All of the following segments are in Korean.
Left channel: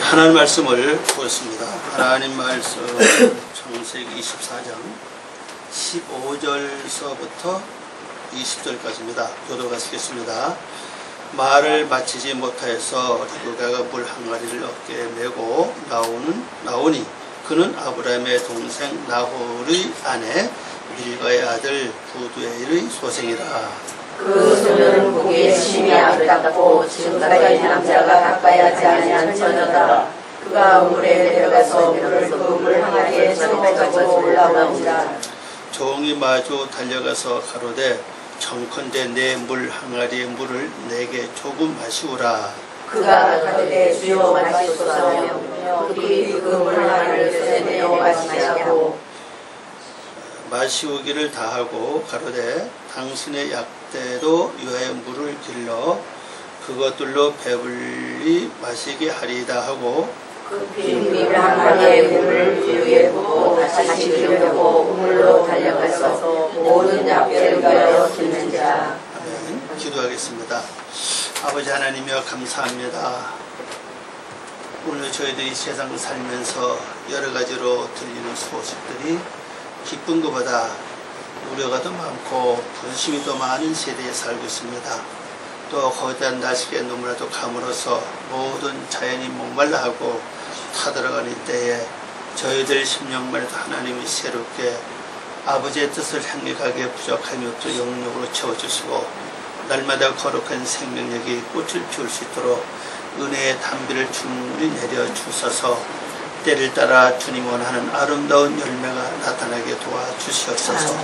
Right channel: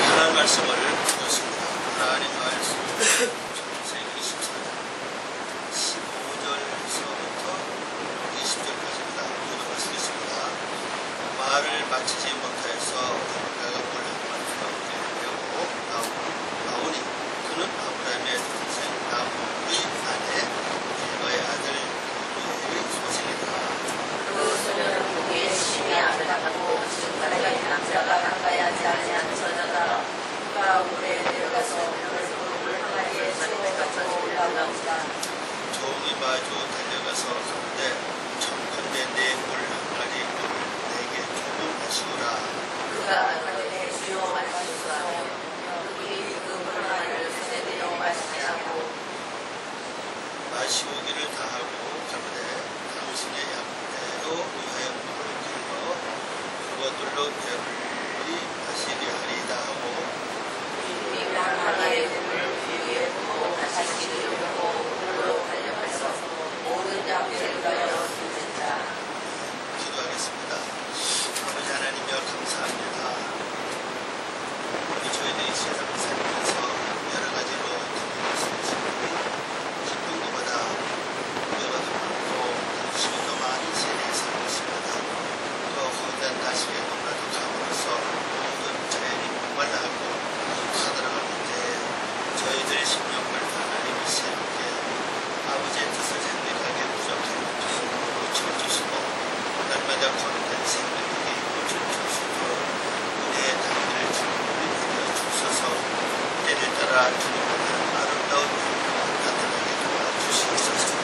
하나님 말씀을 보겠습니다. 하나님 말씀 창세기 24장 15절서부터 20절까지입니다. 교도하시겠습니다. 말을 마치지 못하여서 리브가가 물 항아리를 어깨에 메고 나오니 그는 아브라함의 동생 나홀의 아내 밀가의 아들 부두엘의 소생이라. 그 소녀는 보기에 심히 아름답고 지금까지 남자가 가까이 하지 아니한 처녀다. 그가 물에 내려가서 물을 그 물 항아리에 채워가지고 올라오니라. 종이 마주 달려가서 가로되 청컨대 내 물 항아리의 물을 내게 조금 마시우라. 그가 가로되 주여 마시소서. 그들이 그 물 항아리를 내어 마시냐고. 마시우기를 다하고 가로되 당신의 약대로 위하여 물을 길러 그것들로 배불리 마시게 하리이다 하고 그 빈 항아리의 물을 그 위에 붓고 다시 들려고 물로 달려가서 모든 약대를 위하여 듣는 자. 아멘. 기도하겠습니다. 아버지 하나님이여 감사합니다. 오늘 저희들이 세상 살면서 여러 가지로 들리는 소식들이 기쁜 것보다 우려가 더 많고 분심이 더 많은 세대에 살고 있습니다. 또 거대한 날씨에 너무나도 가물어서 모든 자연이 목말라 하고 타들어가는 때에 저희들 심령만에도 하나님이 새롭게 아버지의 뜻을 향해 가기에 부족함이 없도록 영역으로 채워주시고 날마다 거룩한 생명력이 꽃을 피울 수 있도록 은혜의 담비를 충분히 내려주셔서 때를 따라 주님 원하는 아름다운 열매가 나타나게 도와주시옵소서.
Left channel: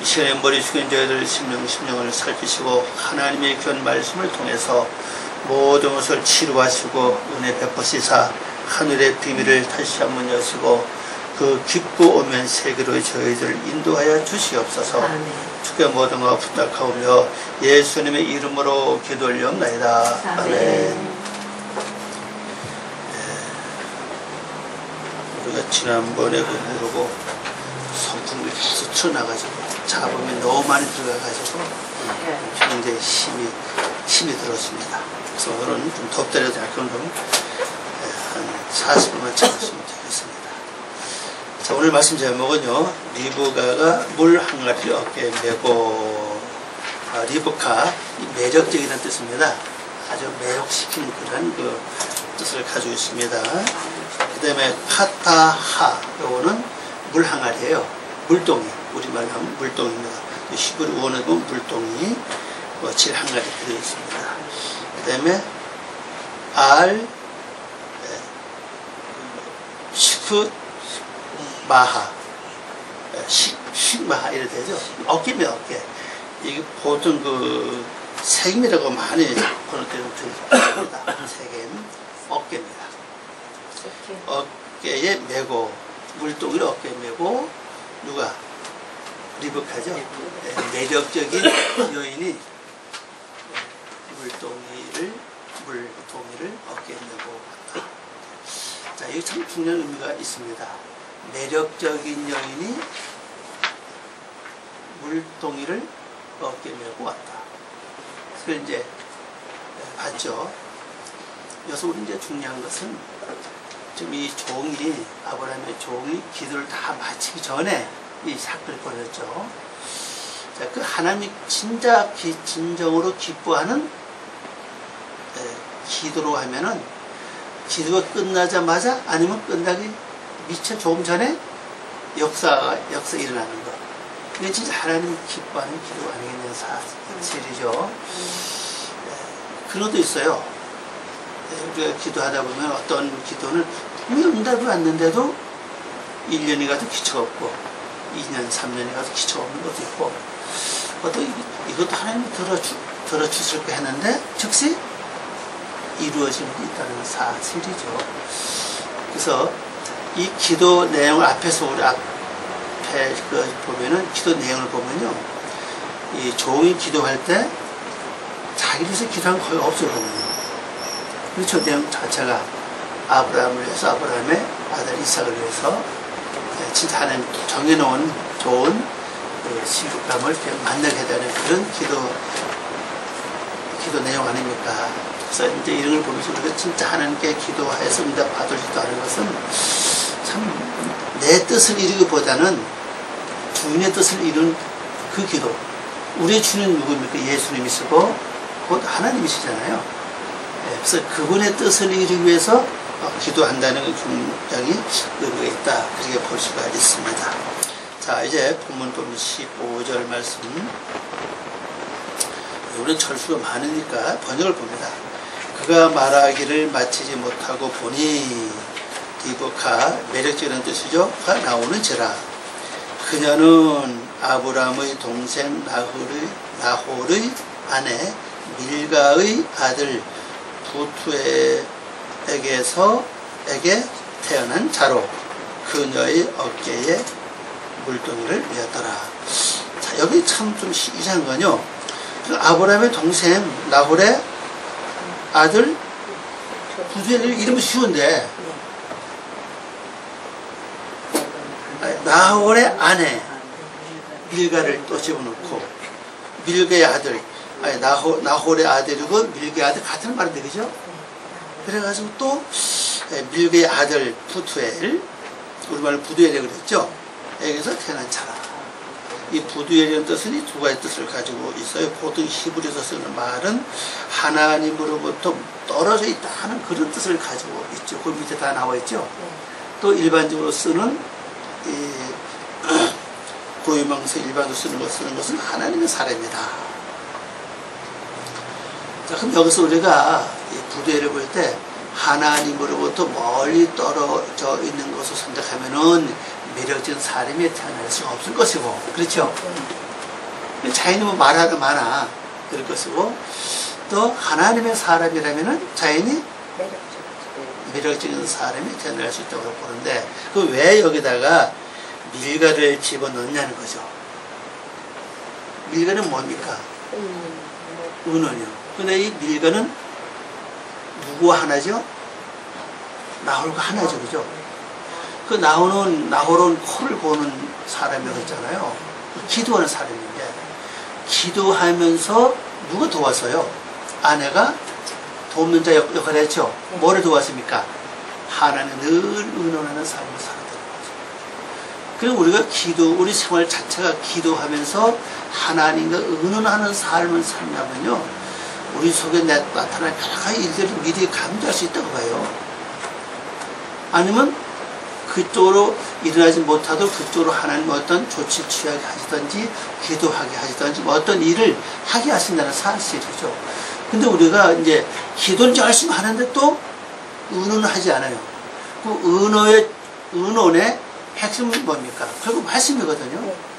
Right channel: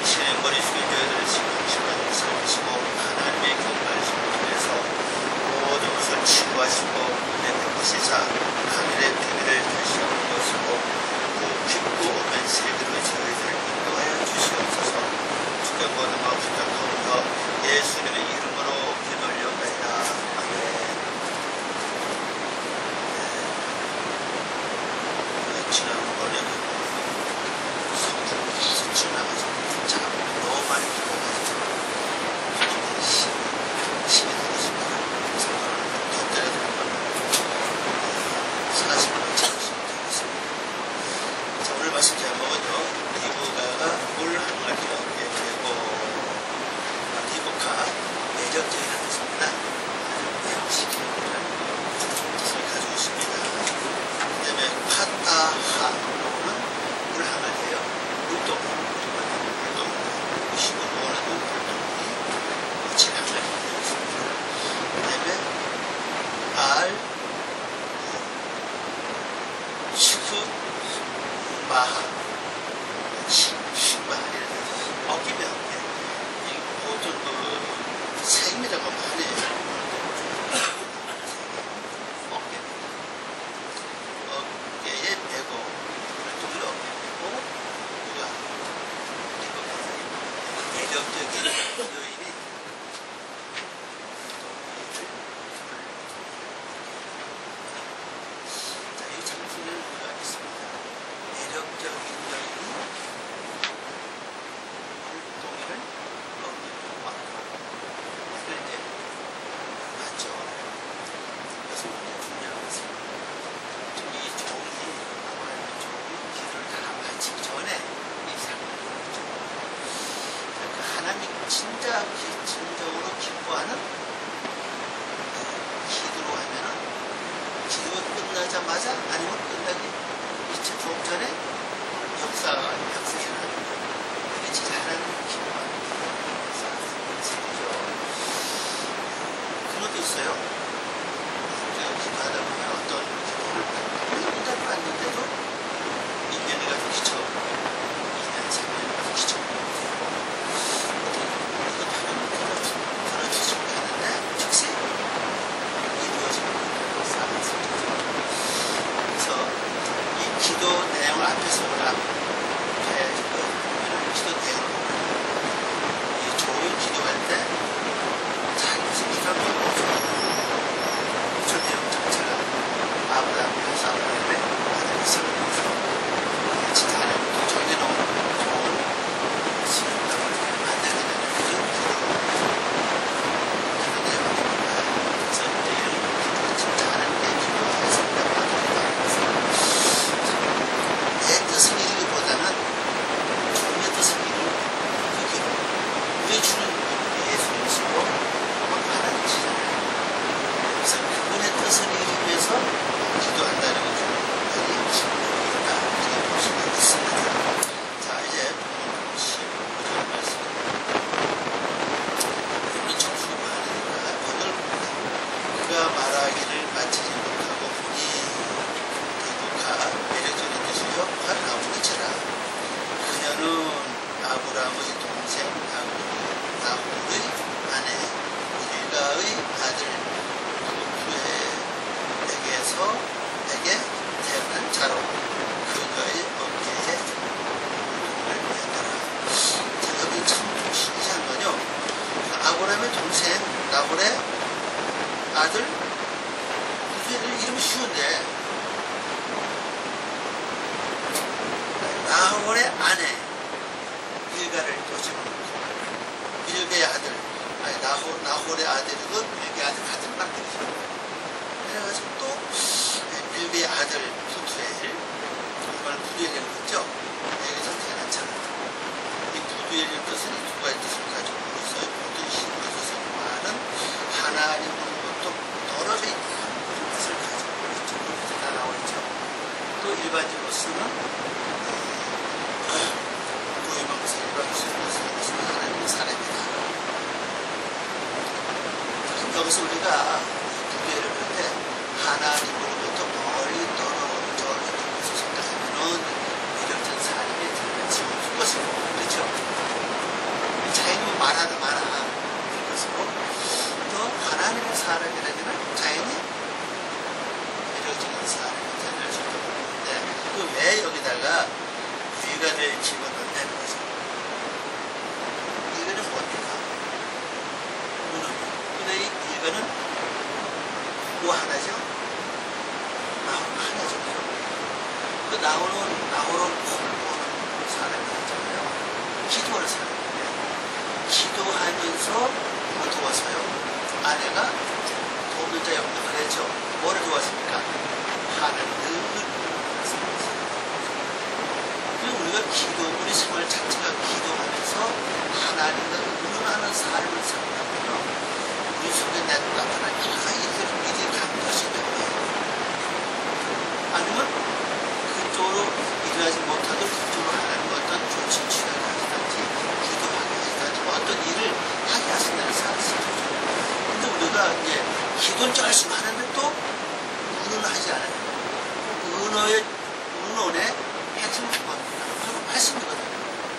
이 시간에 머리 숙인 저희들 심령을 살피시고 하나님의 귀한 말씀을 통해서 모든 것을 치료하시고 은혜 베푸시사 하늘의 비밀을 다시 한번 여시고 그 깊고 오면 세계로 저희들을 인도하여 주시옵소서. 주께 모든 것 부탁하오며 예수님의 이름으로 기도 올려옵나이다. 아멘. 우리가 지난번에 그러고 성품이 계속 튀어나가지고 잡음이 너무 많이 들어가가지고 굉장히 힘이 들었습니다. 그래서 오늘은 좀 덥더라도 약간 좀 한 40분만 참으시면 되겠습니다. 자, 오늘 말씀 제목은요, 리브가가 물 항아리를 어깨에 메고. 리브카, 매력적이라는 뜻입니다. 아주 매혹시키는 그런 그 뜻을 가지고 있습니다. 그 다음에 카타하, 요거는 물 항아리예요. 물동이, 우리말로 하면 물동입니다. 히브리 원어로 보면 물동이, 질 항아리 되어 있습니다. 그 다음에 식마하, 식마하 이래 되죠. 어깨면 어깨. 이게 보통 그 세겜이라고 많이 번역되는 글입니다. 세겜, 어깨입니다. 어깨에 메고 물동이를 어깨에 메고 누가? 리브카죠. 매력적인 여인이 물동이를 어깨에 메고 왔다. 자, 여기 참 중요한 의미가 있습니다. 매력적인 여인이 물동이를 어깨에 메고 왔다. 그걸 이제 봤죠. 여기서 우리 이제 중요한 것은 지금 이 종이, 아브라함의 종이 기도를 다 마치기 전에 이 사건이 벌어졌죠. 자, 그 하나님이 진정으로 기뻐하는 기도로 하면은 기도가 끝나자마자 아니면 끝나기 미처 조금 전에 역사 일어나는 거. 이게 진짜 하나님이 기뻐하는 기도가 아니겠냐는 사실이죠. 그런 것도 있어요. 우리가 기도하다 보면 어떤 기도는 분명히 응답이 왔는데도 1년이 가도 기초가 없고 2년, 3년이 가도 기초가 없는 것도 있고 이것도 하나님이 들어주실까 했는데 즉시 이루어지는 것도 있다는 사실이죠. 그래서 이 기도 내용을 앞에서 우리 앞에 보면은 기도 내용을 보면요, 이 종이 기도할 때 자기 위해서 기도한 거 거의 없어요 보면요. 저 내용 자체가 아브라함을 위해서, 아브라함의 아들 이삭을 위해서 진짜 하나님 정해놓은 좋은 신부감을 만나게 되는 그런 기도 내용 아닙니까? 그래서 이제 이런 걸 보면서 우리가 진짜 하나님께 기도해서 응답 받을 수 있다는 것은 참 내 뜻을 이루기보다는 주님의 뜻을 이룬 그 기도. 우리의 주는 누구입니까? 예수님이시고 곧 하나님이시잖아요. 그래서 그분의 뜻을 이루기 위해서 기도한다는 게 굉장히 의미가 있다. 그렇게 볼 수가 있습니다. 자, 이제 본문 15절 말씀. 우리는 철수가 많으니까 번역을 봅니다. 그가 말하기를 마치지 못하고 보니, 리브카, 매력적인 뜻이죠. 가 나오는지라. 그녀는 아브라함의 동생 나홀의 아내 밀가의 아들 부투엘에게 태어난 자로 그녀의 어깨에 물동이를 메었더라. 자, 여기 참 좀 이상한 건요. 아브라함의 동생 나홀의 아들 부투엘 이름은 쉬운데 나홀의 아내 밀가를 또 집어넣고 밀가의 아들 나홀의 아들이고 밀가의 아들 같은 말인데 그죠? 그래가지고 또 밀가의 아들 부투엘 우리말로 부두엘이라고 그랬죠? 여기서 태어난 자라. 이 부두엘이라는 뜻은 이 두 가지 뜻을 가지고 있어요. 보통 히브리에서 쓰는 말은 하나님으로부터 떨어져 있다 하는 그런 뜻을 가지고 있죠. 그 밑에 다 나와 있죠. 또 일반적으로 쓰는 고유명사 일반으로 쓰는 것은 하나님의 사람이다. 자, 그럼 여기서 우리가 이 부두엘을 볼 때 하나님으로부터 멀리 떨어져 있는 것을 선택하면은 매력적인 사람이 태어날 수가 없을 것이고, 그렇죠? 자연이 말하는 많아 그럴 것이고, 또 하나님의 사람이라면은 자연이 매력적인 사람이 태어날 수 있다고 보는데, 그 왜 여기다가 밀가를 집어넣냐는 거죠. 밀가는 뭡니까? 은원이요. 근데 이 밀가는 누구와 하나죠? 나홀과 하나죠, 그죠? 그 나홀은 코를 고는 사람이라고 했잖아요. 기도하는 사람인데, 기도하면서 누가 도와서요? 아내가 돕는 자 역할을 했죠. 뭐를 도왔습니까? 하나는 늘 의논하는 삶을 살았다는 거죠. 그리고 우리가 우리 생활 자체가 기도하면서 하나님과 의논하는 삶을 산다면요, 우리 속에 나타날 여러 가지 일들을 미리 감지할 수 있다고 봐요. 아니면 그쪽으로 일어나지 못하도 그쪽으로 하나님 어떤 조치를 취하게 하시든지 기도하게 하시든지 뭐 어떤 일을 하게 하신다는 사실이죠. 근데 우리가 이제 기도는 열심히 하는데 또 의논을 하지 않아요. 그 의논의 핵심은 뭡니까? 결국 말씀이거든요.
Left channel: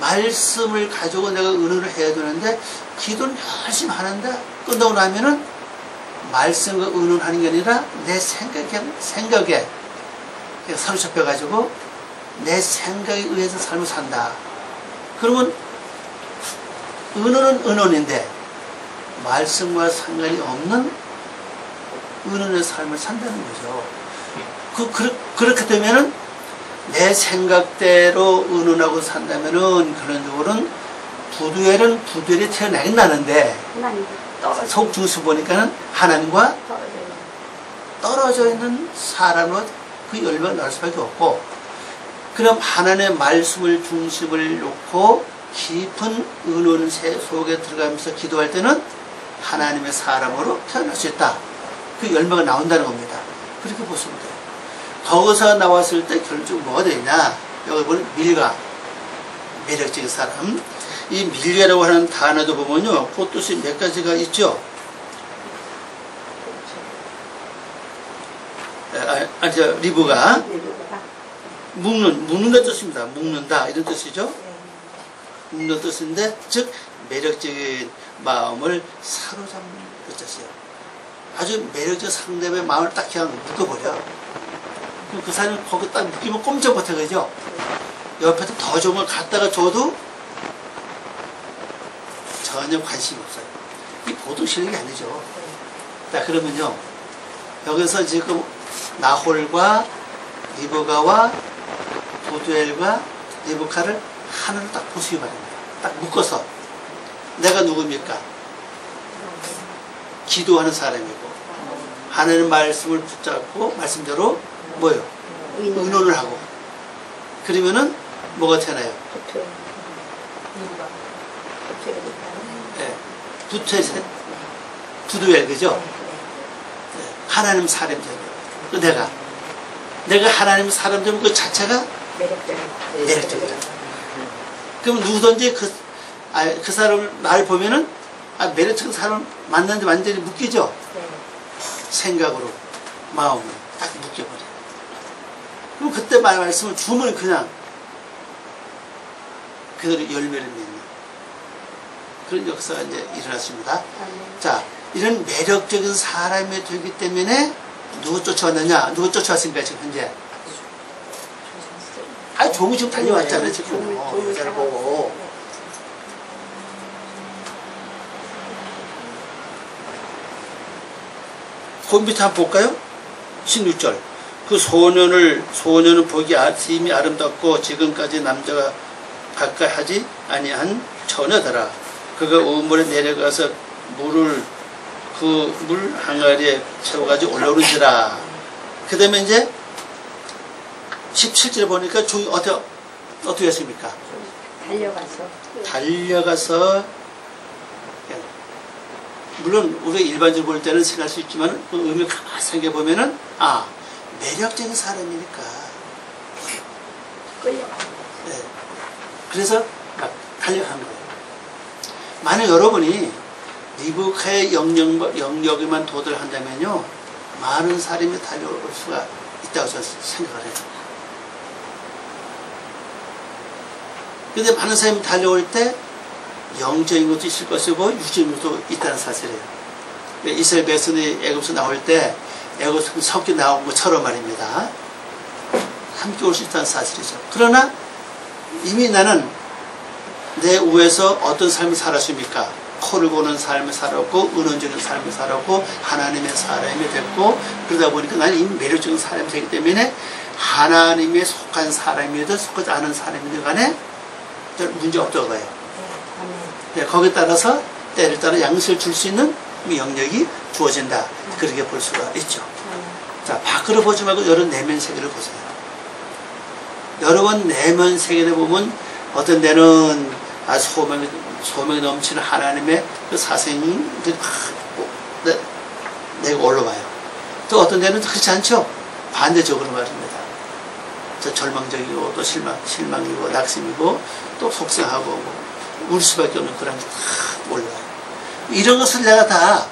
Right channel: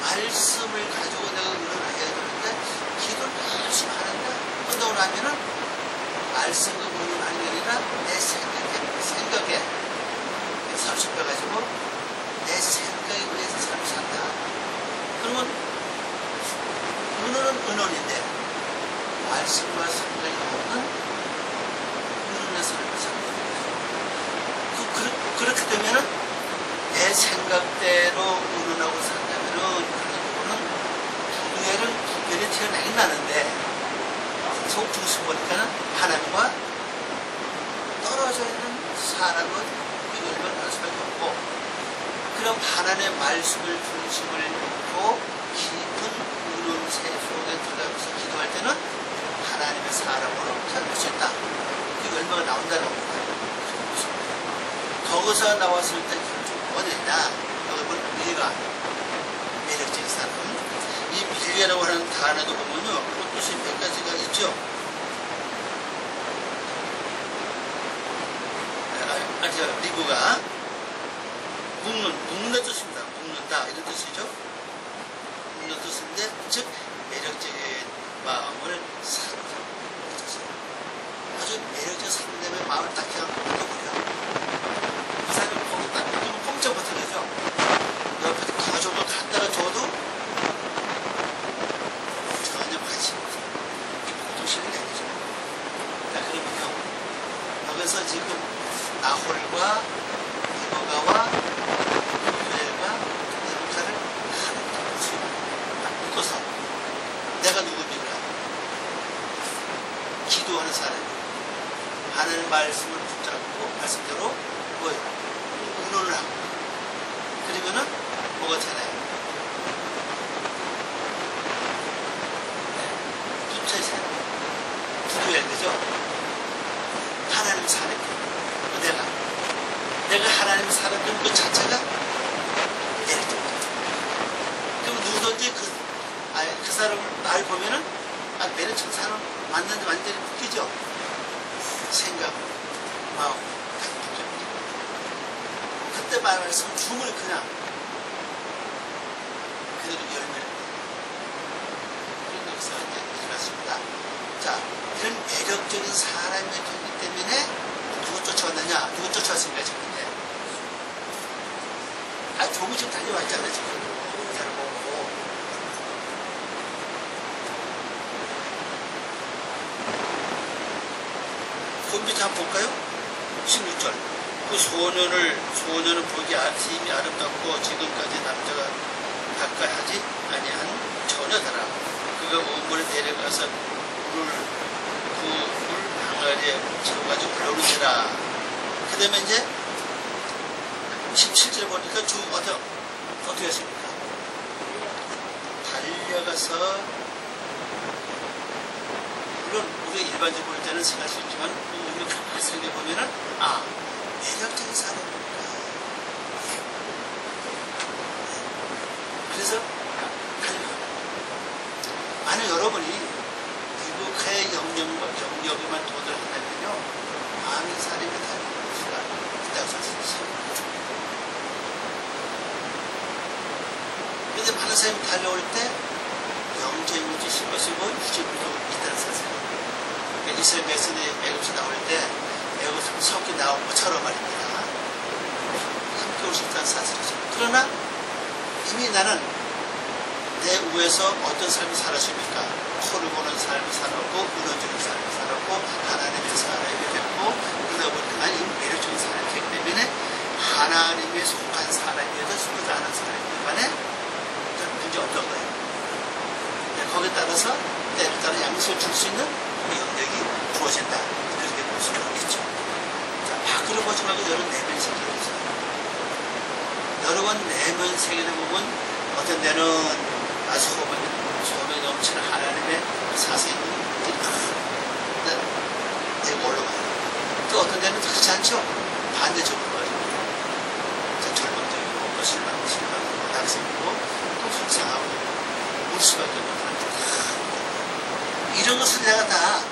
말씀을 가지고 내가 의논을 해야 되는데 기도는 열심히 하는데 끝나고 나면은 말씀과 의논하는 게 아니라 내 생각에 사로잡혀 가지고 내 생각에 의해서 삶을 산다. 그러면 의논은 의논인데 말씀과 상관이 없는 의논의 삶을 산다는 거죠. 그렇게 되면은 내 생각대로 의논하고 산다면은 그런적으로는 부두엘이 태어나긴 나는데 속 중심 보니까는 하나님과 떨어져 있는 사람으로 그 열매가 나올 수밖에 없고, 그럼 하나님의 말씀을 중심을 놓고 깊은 의논 속에 들어가면서 기도할 때는 하나님의 사람으로 태어날 수 있다. 그 열매가 나온다는 겁니다. 그렇게 보시면 돼요. 거기서 나왔을 때 결국 뭐가 되냐? 여기 보면 밀가, 매력적인 사람. 이 밀가라고 하는 단어도 보면요, 그 뜻이 몇 가지가 있죠. 리브가 묶는다 뜻입니다. 묶는다 이런 뜻이죠. 묶는 뜻인데, 즉 매력적인 마음을 사로잡는 그 뜻이에요. 아주 매력적 상대의 마음을 딱 그냥 묶어버려. 그 사람이 거기 딱 묶이면 꼼짝 못해, 그죠? 옆에서 더 좋은 걸 갖다가 줘도 전혀 관심이 없어요. 이 보통 실력이 아니죠. 자, 그러면요, 여기서 지금 나홀과 리브가와 부두엘과 리브카를 하나로 딱 보시기 바랍니다. 딱 묶어서 내가 누굽니까? 기도하는 사람이고 하나님 말씀을 붙잡고 말씀대로 뭐요? 의논을 하고 그러면은 뭐가 되나요? 네. 붙어야 되죠? 네. 하나님 사람이 된다. 내가 하나님 사람 되면 그 자체가 매력적이다. 그럼 누구든지 그 사람을 날 보면은 매력적인 사람 만났는데 완전히 묶이죠? 생각으로 마음으로 딱 묶여버려. 그럼 그때 말씀을 주면 그냥 그대로 열매를 맺는 그런 역사가 이제 일어났습니다. 자, 이런 매력적인 사람이 되기 때문에 누구 쫓아왔느냐? 누구 쫓아왔습니까 지금 현재? 종이 지금 달려왔잖아요 지금. 여자를 보고. 그 밑에 한번 볼까요? 16절. 그 소년은 보기 심히 아름답고 지금까지 남자가 가까이 하지 아니한 처녀더라. 그가 우물에 내려가서 물을 그 물 항아리에 채워가지고 올라오는지라. 그 다음에 이제 17절에 보니까 종이 어떻게 했습니까? 달려가서 물론 우리가 일반적으로 볼 때는 생각할 수 있지만 그 의미를 가만히 생각해 보면은 매력적인 사람이니까 네. 그래서 막 달려가는 거예요. 만약 여러분이 리브카의 영역에만 도달을 한다면요 많은 사람이 달려올 수가 있다고 저는 생각을 해요. 그런데 많은 사람이 달려올 때 영적인 것도 있을 것이고 유적인 것도 있다는 사실이에요. 이스라엘 백성이 애굽에서 나올 때 애굽에서 섞여 나온 것처럼 말입니다. 함께 올 수 있다는 사실이죠. 그러나 이미 나는 내 우에서 어떤 삶을 살았습니까? 코를 고는 삶을 살았고 은원적인 삶을 살았고 하나님의 사람이 됐고 그러다 보니까 나는 이미 매력적인 사람이 되기 때문에 하나님에 속한 사람이든 속하지 않은 사람이든 간에 문제 없다고 봐요. 네, 거기에 따라서 때를 따라 양식을 줄 수 있는 영역이 주어진다. 그렇게 볼 수가 있죠. 자, 밖으로 보지 말고 여러분 내면 세계를 보세요. 여러분 내면 세계를 보면 어떤 데는 소명이 넘치는 하나님의 그 사생들이 내가 올라와요. 또 어떤 데는 그렇지 않죠. 반대적으로 말입니다. 절망적이고 또 실망이고 낙심이고 또 속상하고 울 수밖에 없는 그런 게 다 올라와요. 이런 것을 내가 다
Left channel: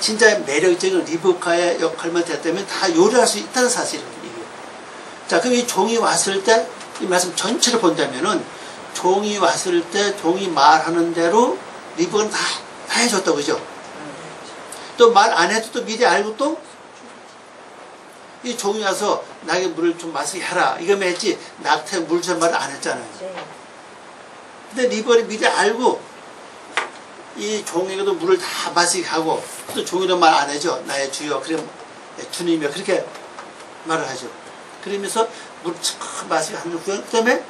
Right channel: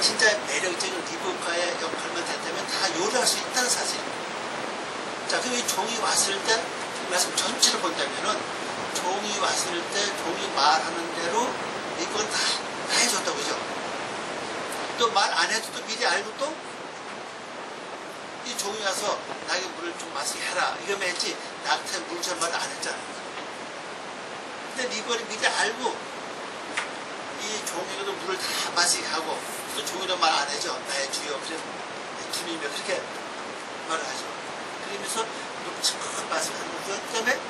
진짜 매력적인 리브카의 역할만 됐다면 다 요리할 수 있다는 사실입니다. 자, 그럼 이 종이 왔을 때 이 말씀 전체를 본다면은 종이 왔을 때 종이 말하는 대로 리브카는 다 해줬다고 그죠? 또 말 안 해도 또 미리 알고 또 이 종이 와서 나에게 물을 좀 마시게 해라. 이거 했지 낙태 물 줄 말을 안 했잖아요. 근데 리브카는 미리 알고 이 종에게도 물을 다 마시게 하고 또 종이도 말 안 해죠. 나의 주여, 그래 주님이여 그렇게 말을 하죠. 그러면서 물을 참 마시게 하는 그 때문에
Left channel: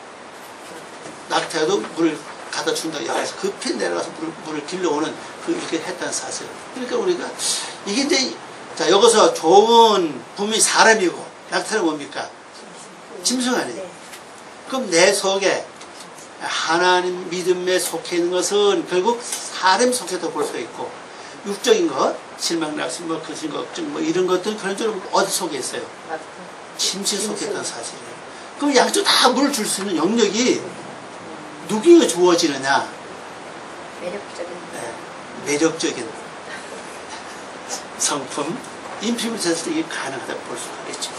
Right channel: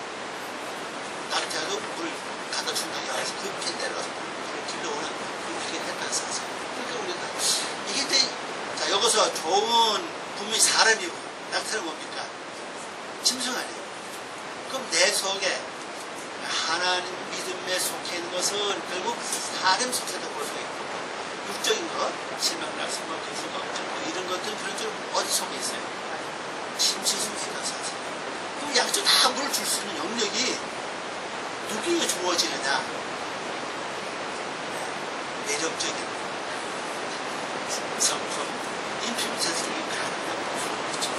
낙태도 물을 갖다 준다. 여기서 급히 내려가서 물을 길러오는 이렇게 했다는 사실. 그러니까 우리가 이게 이제 자 여기서 종은 분명히 사람이고 낙태는 뭡니까? 짐승 아니에요. 그럼 내 속에 하나님 믿음에 속해 있는 것은 결국 사람 속에도 볼 수가 있고 육적인 것, 실망, 낙심, 근심, 걱정 이런 것들은 그런 줄 어디 속에 있어요? 짐승 속에 있다는 사실이에요. 그럼 양쪽 다 물을 줄 수 있는 영역이 누구에게 주어지느냐? 매력적인 성품, 인품이 있을 때 이게 가능하다고 볼 수가 있죠.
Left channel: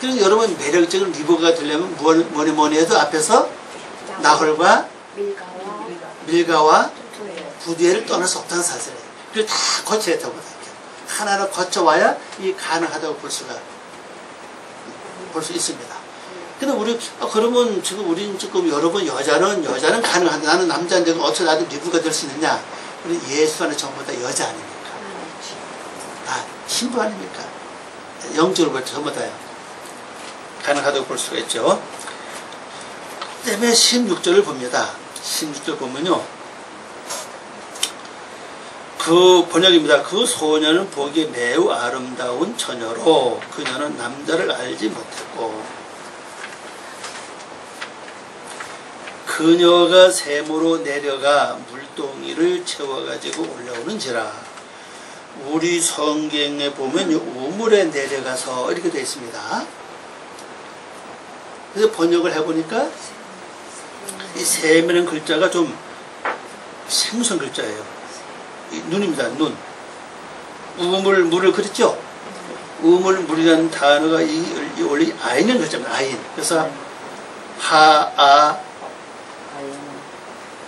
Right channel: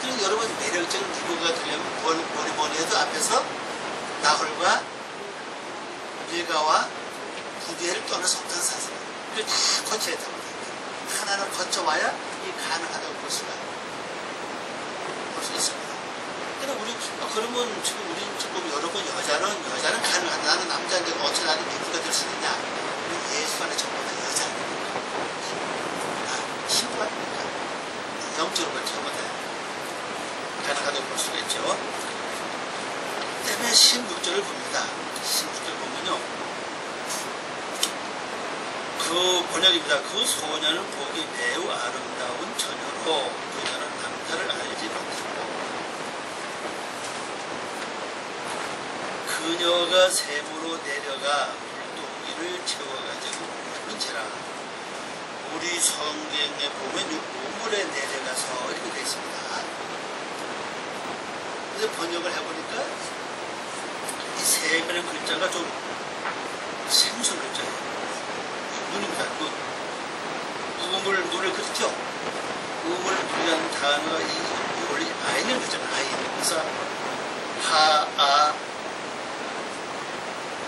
그래서 여러분 매력적인 리브카가 되려면 뭐니 해도 앞에서 나홀과 밀가와 부두엘을 떠날 수 없다는 사실이에요. 그걸 다 거쳐야 된다고 봐요. 하나를 거쳐와야 이게 가능하다고 볼 수 있습니다. 근데 그러면 지금 우리는 지금 여러분 여자는 가능한데 나는 남자인데 어떻게 나도 리브가 될 수 있느냐? 우리 예수 안에 전부 다 여자 아닙니까? 다 신부 아닙니까? 영적으로 볼 때 전부 다요. 가능하다고 볼 수가 있죠. 때문에 16절을 봅니다. 16절 보면요. 그 번역입니다. 그 소녀는 보기에 매우 아름다운 처녀로 그녀는 남자를 알지 못했고 그녀가 샘으로 내려가 물동이를 채워가지고 올라오는지라. 우리 성경에 보면 우물에 내려가서 이렇게 되어 있습니다. 그래서 번역을 해보니까 이 샘이라는 글자가 좀 생소한 글자예요. 눈입니다. 눈. 우물, 물을 그렸죠? 우물, 물이라는 단어가 원래 아인이라는 글자입니다. 아인. 그래서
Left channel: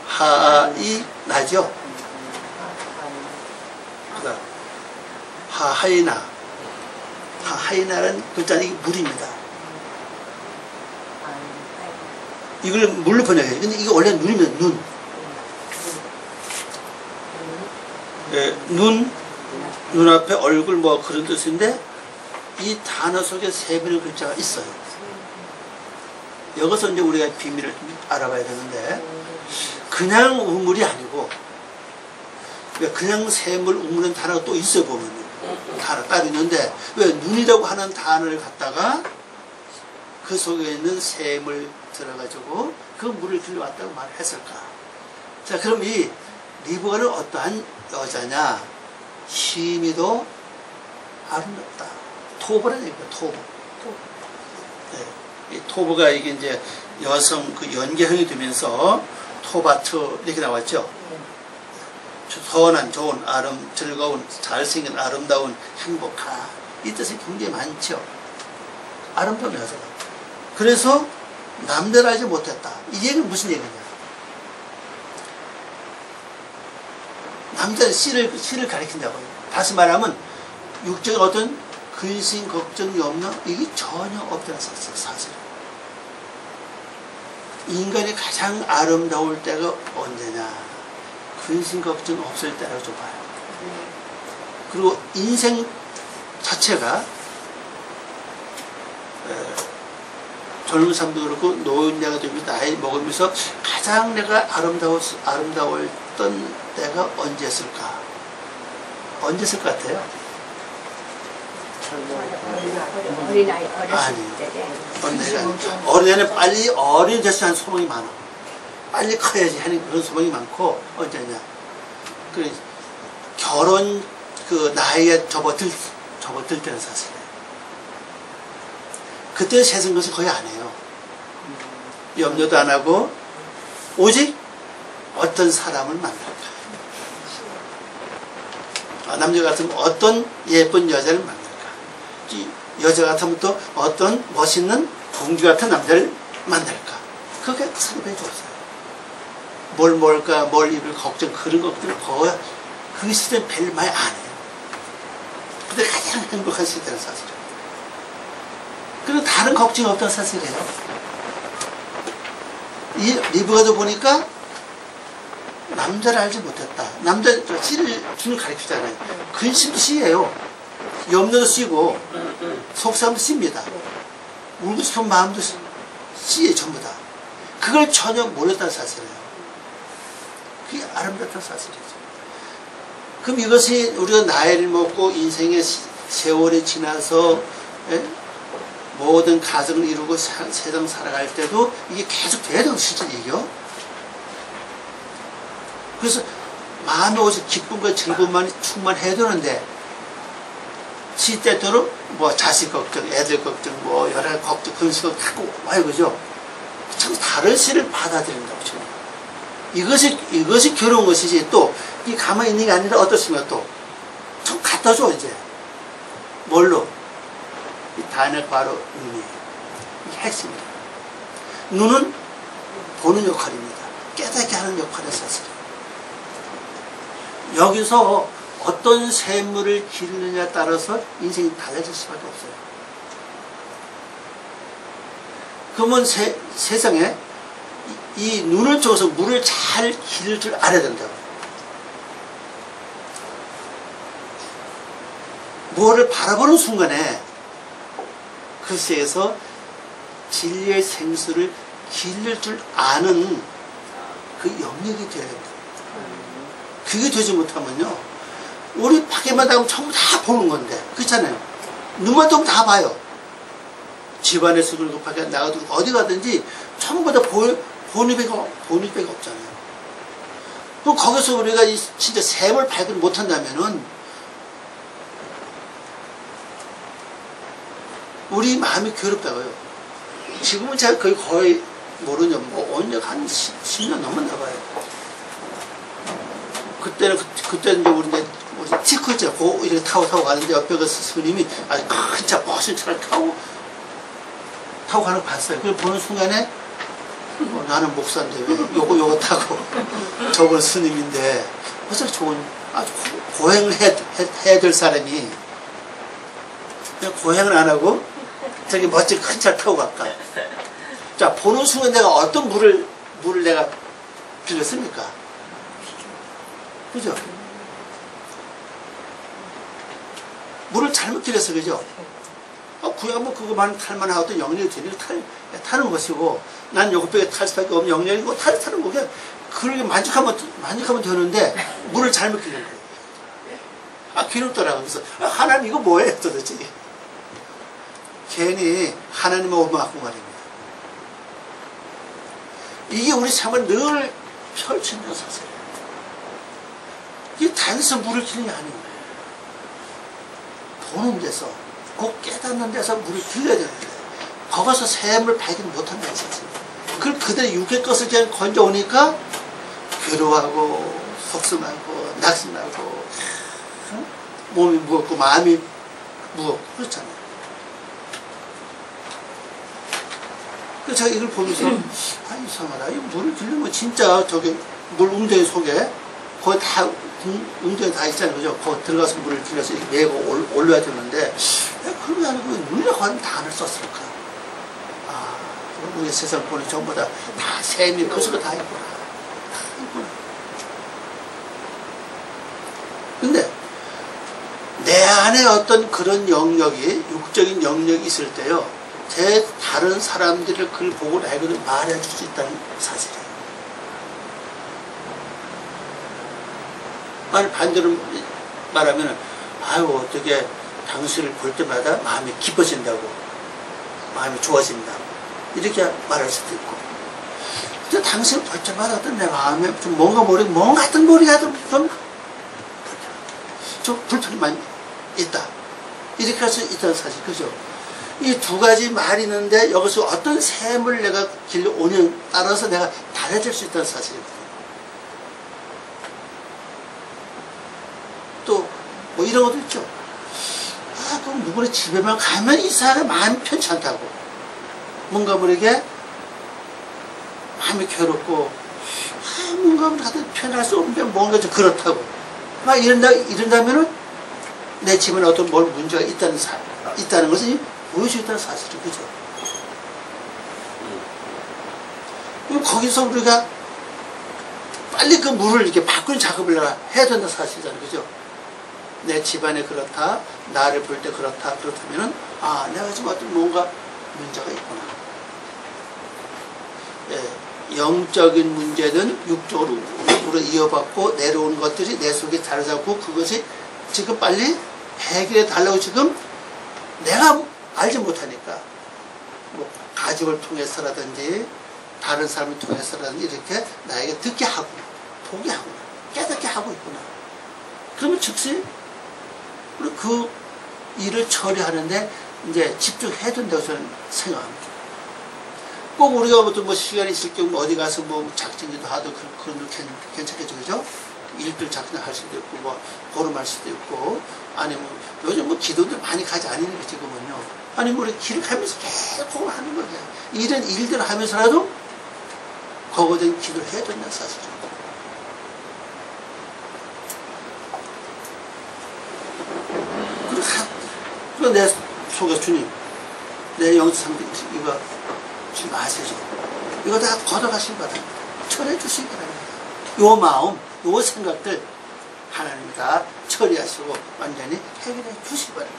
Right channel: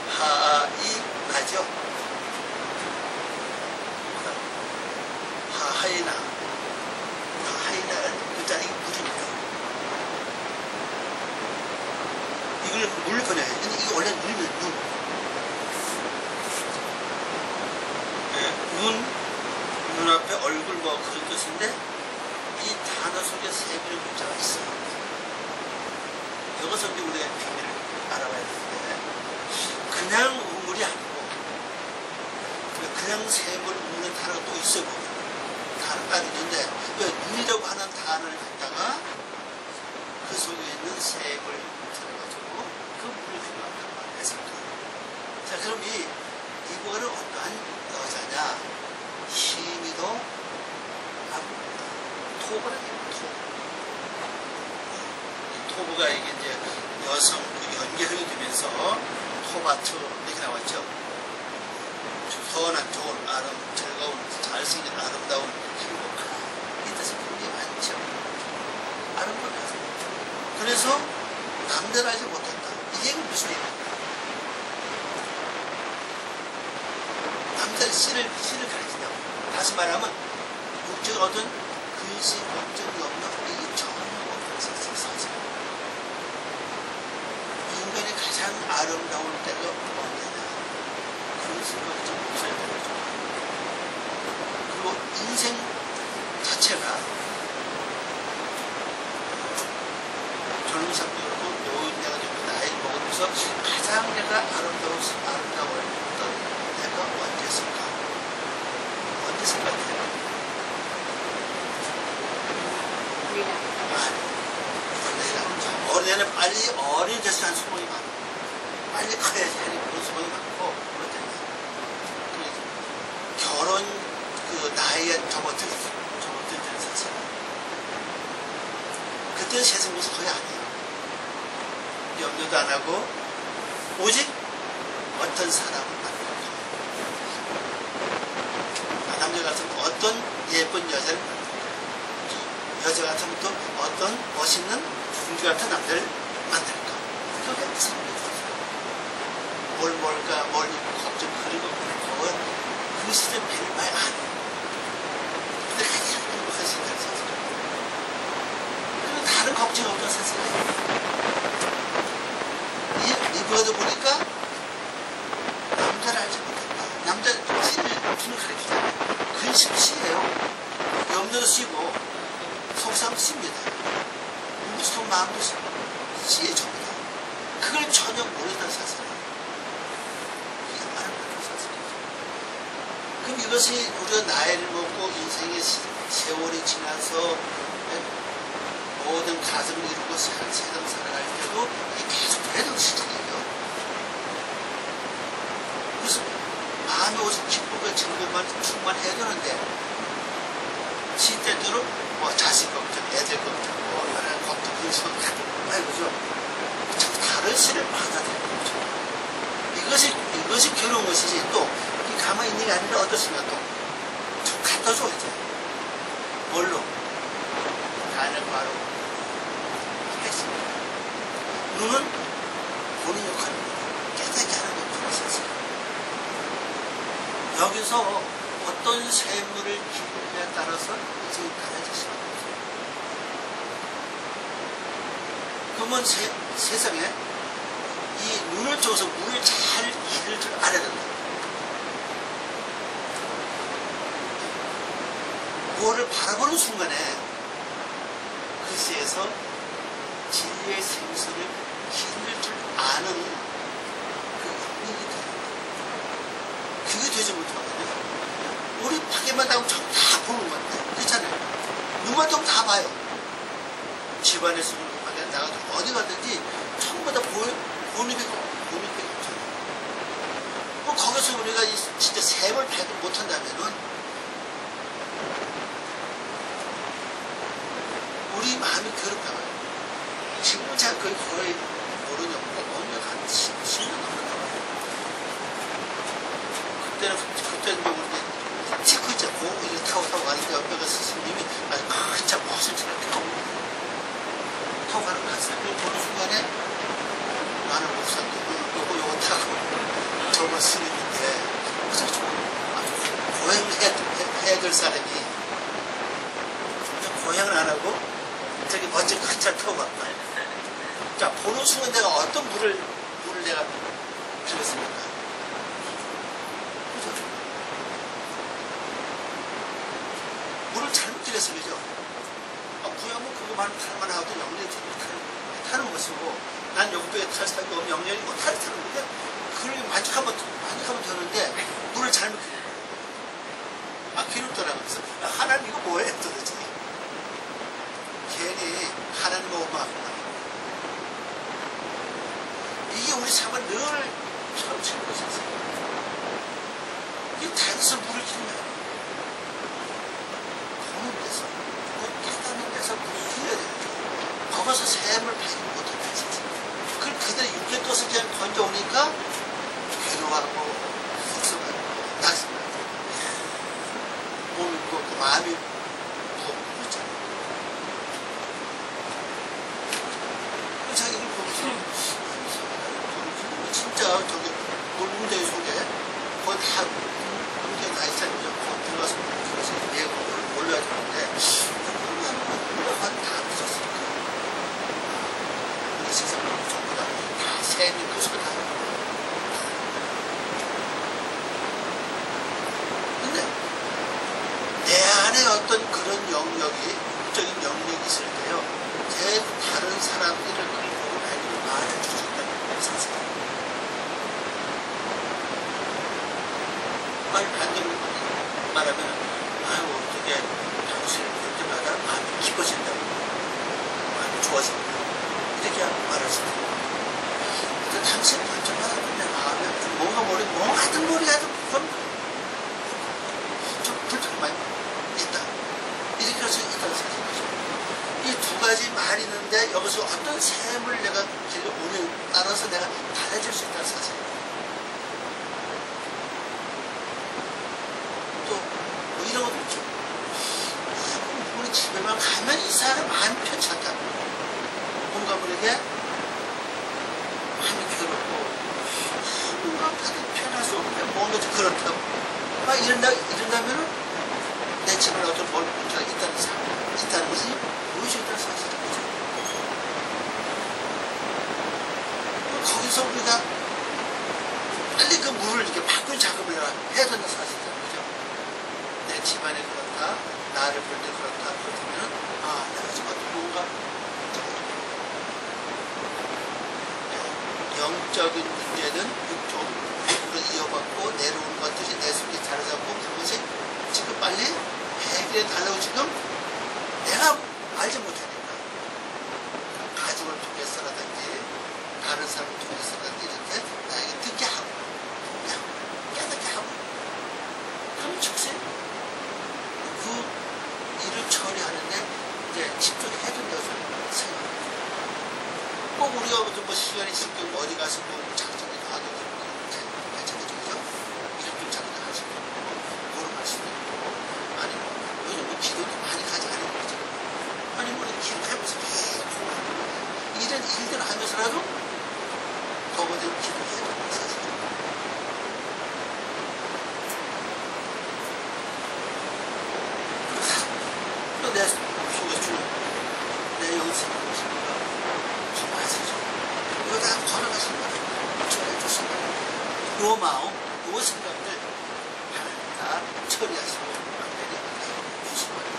하아이 나죠? 하하이나라는 글자는 이게 물입니다. 이걸 물로 번역해요. 근데 이게 원래 눈입니다. 눈. 네, 눈앞에 얼굴 뭐 그런 뜻인데 이 단어 속에 샘이라는 글자가 있어요. 여기서 이제 우리가 비밀을 좀 알아봐야 되는데 그냥 우물이 아니고 그냥 샘을 우물은 단어가 또 있어요. 보면 단어 따로 있는데 왜 눈이라고 하는 단어를 갖다가 그 속에 있는 샘을 들어가지고 그 물을 들여왔다고 말했을까? 자, 그럼 이 리브가는 어떠한 여자냐? 시미도 아름답다. 토브라는 얘기입니다. 토브. 네. 이 토브가 이게 이제 여성 그 연계형이 되면서 토바트 이렇게 나왔죠. 선한, 좋은, 즐거운, 잘생긴, 아름다운, 행복한 이 뜻이 굉장히 많죠. 아름다운 여자가. 그래서 남자를 알지 못했다. 이 얘기는 무슨 얘기입니까? 남자는 씨를 가리킨다고요. 다시 말하면 육적인 어떤 근심, 걱정이 없는 이게 전혀 없다는 사실이에요. 인간이 가장 아름다울 때가 언제냐? 근심 걱정 없을 때라고 좀 봐요. 그리고 인생 자체가 젊은 사람도 그렇고 노인네가 되면서 나이 먹으면서 가장 내가 아름다웠던 때가 언제였을까? 언제였을 것 같아요? 어린아이 어렸을 아니, 때. 어린애는 빨리 어린이 됐을 때 소망이 많아. 빨리 커야지 하는 그런 소망이 많고, 언제냐. 그 결혼 그 나이에 접어들 때는 사실이에요. 그때 세상 것을 거의 안 해요. 염려도 안 하고, 오직 어떤 사람을 만날까. 남자 같으면 어떤 예쁜 여자를 만날까. 여자 같으면 또 어떤 멋있는 공주 같은 남자를 만날까. 그게 상당히 좋았어요. 뭘 먹을까, 뭘 입을 걱정, 그런 것들을 거의 그 시대는 별 많이 안 해요. 근데 가장 행복한 시대는 사실은. 그리고 다른 걱정이 없다는 사실이에요. 이 리브가도 보니까 남자를 알지 못했다. 남자, 씨를 주는 가르치잖아요. 근심도 씨예요. 염려도 씨고, 속상도 씨입니다. 울고 싶은 마음도 씨예요, 전부 다. 그걸 전혀 몰랐다는 사실이에요. 그게 아름답다는 사실이죠. 그럼 이것이 우리가 나이를 먹고 인생의 세월이 지나서 모든 가정을 이루고 세상 살아갈 때도 이게 계속 돼야 되는 실질이에요. 그래서 마음에 오직 기쁨과 즐거움만 충만해야 되는데 시때때로 뭐 자식 걱정, 애들 걱정, 뭐 여러 가지 걱정, 그런 식으로 갖고 와요, 그죠? 참 다른 시를 받아들인다고 지금. 이것이 괴로운 것이지 또 이 가만히 있는 게 아니라 어떻습니까 또 좀 갖다 줘 이제 뭘로? 이 단역 바로 눈이에요. 이게 핵심이에요. 눈은 보는 역할입니다. 깨닫게 하는 역할의 사실이에요. 여기서 어떤 샘물을 기르느냐에 따라서 인생이 달라질 수밖에 없어요. 그러면 세상에 이 눈을 통해서 물을 잘 기를 줄 알아야 된다고. 뭐를 바라보는 순간에 글쎄에서 진리의 생수를 기를 줄 아는 그 영역이 되어야 된다. 그게 되지 못하면요 우리 밖에만 나가면 전부 다 보는 건데. 그렇잖아요. 눈만 뜨면 다 봐요. 집안에서 그리고 밖에 나가도 어디 가든지 전부 다 보는 배가 없잖아요. 그럼 거기서 우리가 진짜 샘을 발견 못한다면은 우리 마음이 괴롭다고요. 지금은 제가 거의 모르죠. 뭐 언제 한 10년 넘었나 봐요. 그때는 이제 우리 티코 있잖아요. 이렇게 타고 가는데 옆에 그 스님이 아주 큰 차, 멋진 차를 타고 가는 거 봤어요. 그걸 보는 순간에 나는 목사인데 왜 요거 타고 저건 스님인데 어차피 좋은 아주 고행을 해야 될 사람이 그냥 고행을 안 하고 저기 멋진 큰 차를 타고 갈까? 자, 보는 순간 내가 어떤 물을 내가 빌렸습니까? 그죠? 물을 잘못 빌렸어, 그죠? 구약은 그거만 탈만한 어떤 영역이 되니까 타는 것이고, 난 요것밖에 탈 수밖에 없는 영역이고, 타는 거게, 그렇게 만족하면 되는데, 물을 잘못 빌린 거예요. 괴롭더라고요. 그래서, 하나님 이거 뭐예요, 도대체? 괜히 하나님의 오만한 말입니다. 이게 우리 삶을 늘 펼치는 사실. 이게 단순 물을 길는 게 아니에요. 보는 데서, 꼭 깨닫는 데서 물을 길러야 되는데, 거기서 샘을 발견 못한다는 사실. 그걸 그들의 육의 것을 그냥 건져오니까, 괴로워하고, 속상하고, 낙심하고, 몸이 무겁고, 마음이 무겁고, 그렇잖아요. 그래서 제가 이걸 보면서, 이상하다. 이 물을 길르면 진짜 저기 물 웅덩이 속에 거기 다, 웅덩이 다 있잖아요. 그죠? 거기 들어가서 물을 길러서 이렇게 메고 올려야 되는데, 그런 게 아니고 왜 물려가는 단어를 썼을까? 우리 세상 보니 전부 다 샘이 그 속에 다 있구나. 다 있구나. 근데, 내 안에 어떤 그런 영역이, 육적인 영역이 있을 때요, 다른 사람들을 그걸 보고 나에게도 말해줄 수 있다는 사실이에요. 반대로 말하면, 어떻게 당신을 볼 때마다 마음이 기뻐진다고, 마음이 좋아진다. 이렇게 말할 수도 있고. 근데 당신을 볼 때마다 어떤 내 마음에 좀 뭔가 같은 머리가 좀 불편이 많이 있다. 이렇게 할 수 있다는 사실, 그죠? 이 두 가지 말이 있는데 여기서 어떤 샘을 내가 길러오냐에 따라서 내가 달라질 수 있다는 사실이거든요. 또 뭐 이런 것도 있죠. 그럼 누구나 집에만 가면 이 사람 마음이 편치 않다고. 뭔가 모르게 마음이 괴롭고 뭔가 다들 편할 수 없는데 뭔가 좀 그렇다고. 막 이런다면은 내 집안에 어떤 문제가 있다는 것을 보여주겠다는 사실이죠. 그죠? 그럼 거기서 우리가 빨리 그 물을 이렇게 바꾸는 작업을 해야 된다는 사실이잖아요. 그죠? 내 집안에 그렇다, 나를 볼 때 그렇다면은, 내가 지금 어떤 뭔가 문제가 있구나. 영적인 문제는 육적으로 이어받고 내려오는 것들이 내 속에 자리 잡고 그것이 지금 빨리 해결해 달라고 지금 내가 알지 못하니까 뭐 가족을 통해서라든지 다른 사람을 통해서라든지 이렇게 나에게 듣게 하구나, 보게 하구나, 깨닫게 하고 있구나. 그러면 즉시 그 일을 처리하는데 이제 집중해야 된다고 저는 생각합니다. 꼭 우리가 뭐 시간이 있을 경우 어디 가서 뭐 작정기도 하도 그건 괜찮겠죠, 그죠? 일주일 작정할 수도 있고, 뭐 보름할 수도 있고, 아니면 요즘 뭐 기도들 많이 가지 않으니까 지금은요. 아니면 우리 길을 가면서 계속 하는 거냐. 이런 일들을 하면서라도 거거든 기도를 해야 된다는 사실이에요. 그리고 내 속에 주님, 내 영상등 이거 주님 아시죠? 이거 다 걷어가시기 바랍니다. 처리해 주시기 바랍니다. 요 마음, 요 생각들 하나님이 다 처리하시고 완전히 해결해 주시기 바랍니다.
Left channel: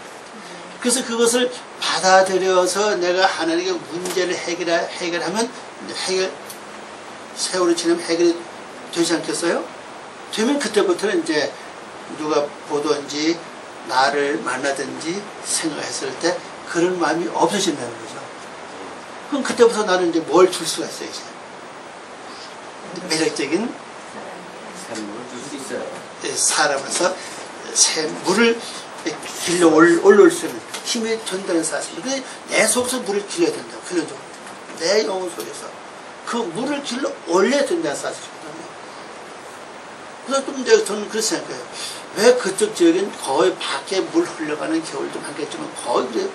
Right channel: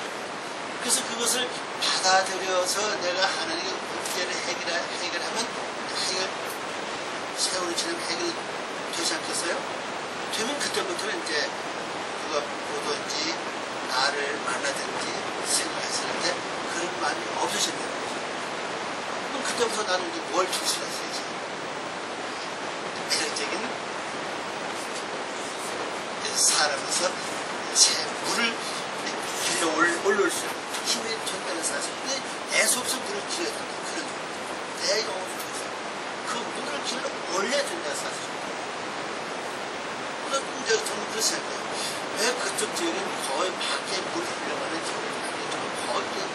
그래서 그것을 받아들여서 내가 하나님의 문제를 해결하면 세월이 지나면 해결이 되지 않겠어요? 되면 그때부터는 이제 누가 보든지 나를 만나든지 생각했을 때 그런 마음이 없어진다는 거죠. 그럼 그때부터 나는 이제 뭘 줄 수가 있어요, 이제. 매력적인 샘물 줄 수 있어요. 사람에서 물을 길러 올릴 수 있는 힘이 전달하는 사실입니다. 내 속에서 물을 길러야 된다. 그런 종. 내 영혼 속에서 그 물을 길러 올려야 된다는 사실이거든요. 그래서 좀 저는 그렇게 생각해요. 왜 그쪽 지역엔 거의 밖에 물 흘러가는 겨울도 많겠지만 거의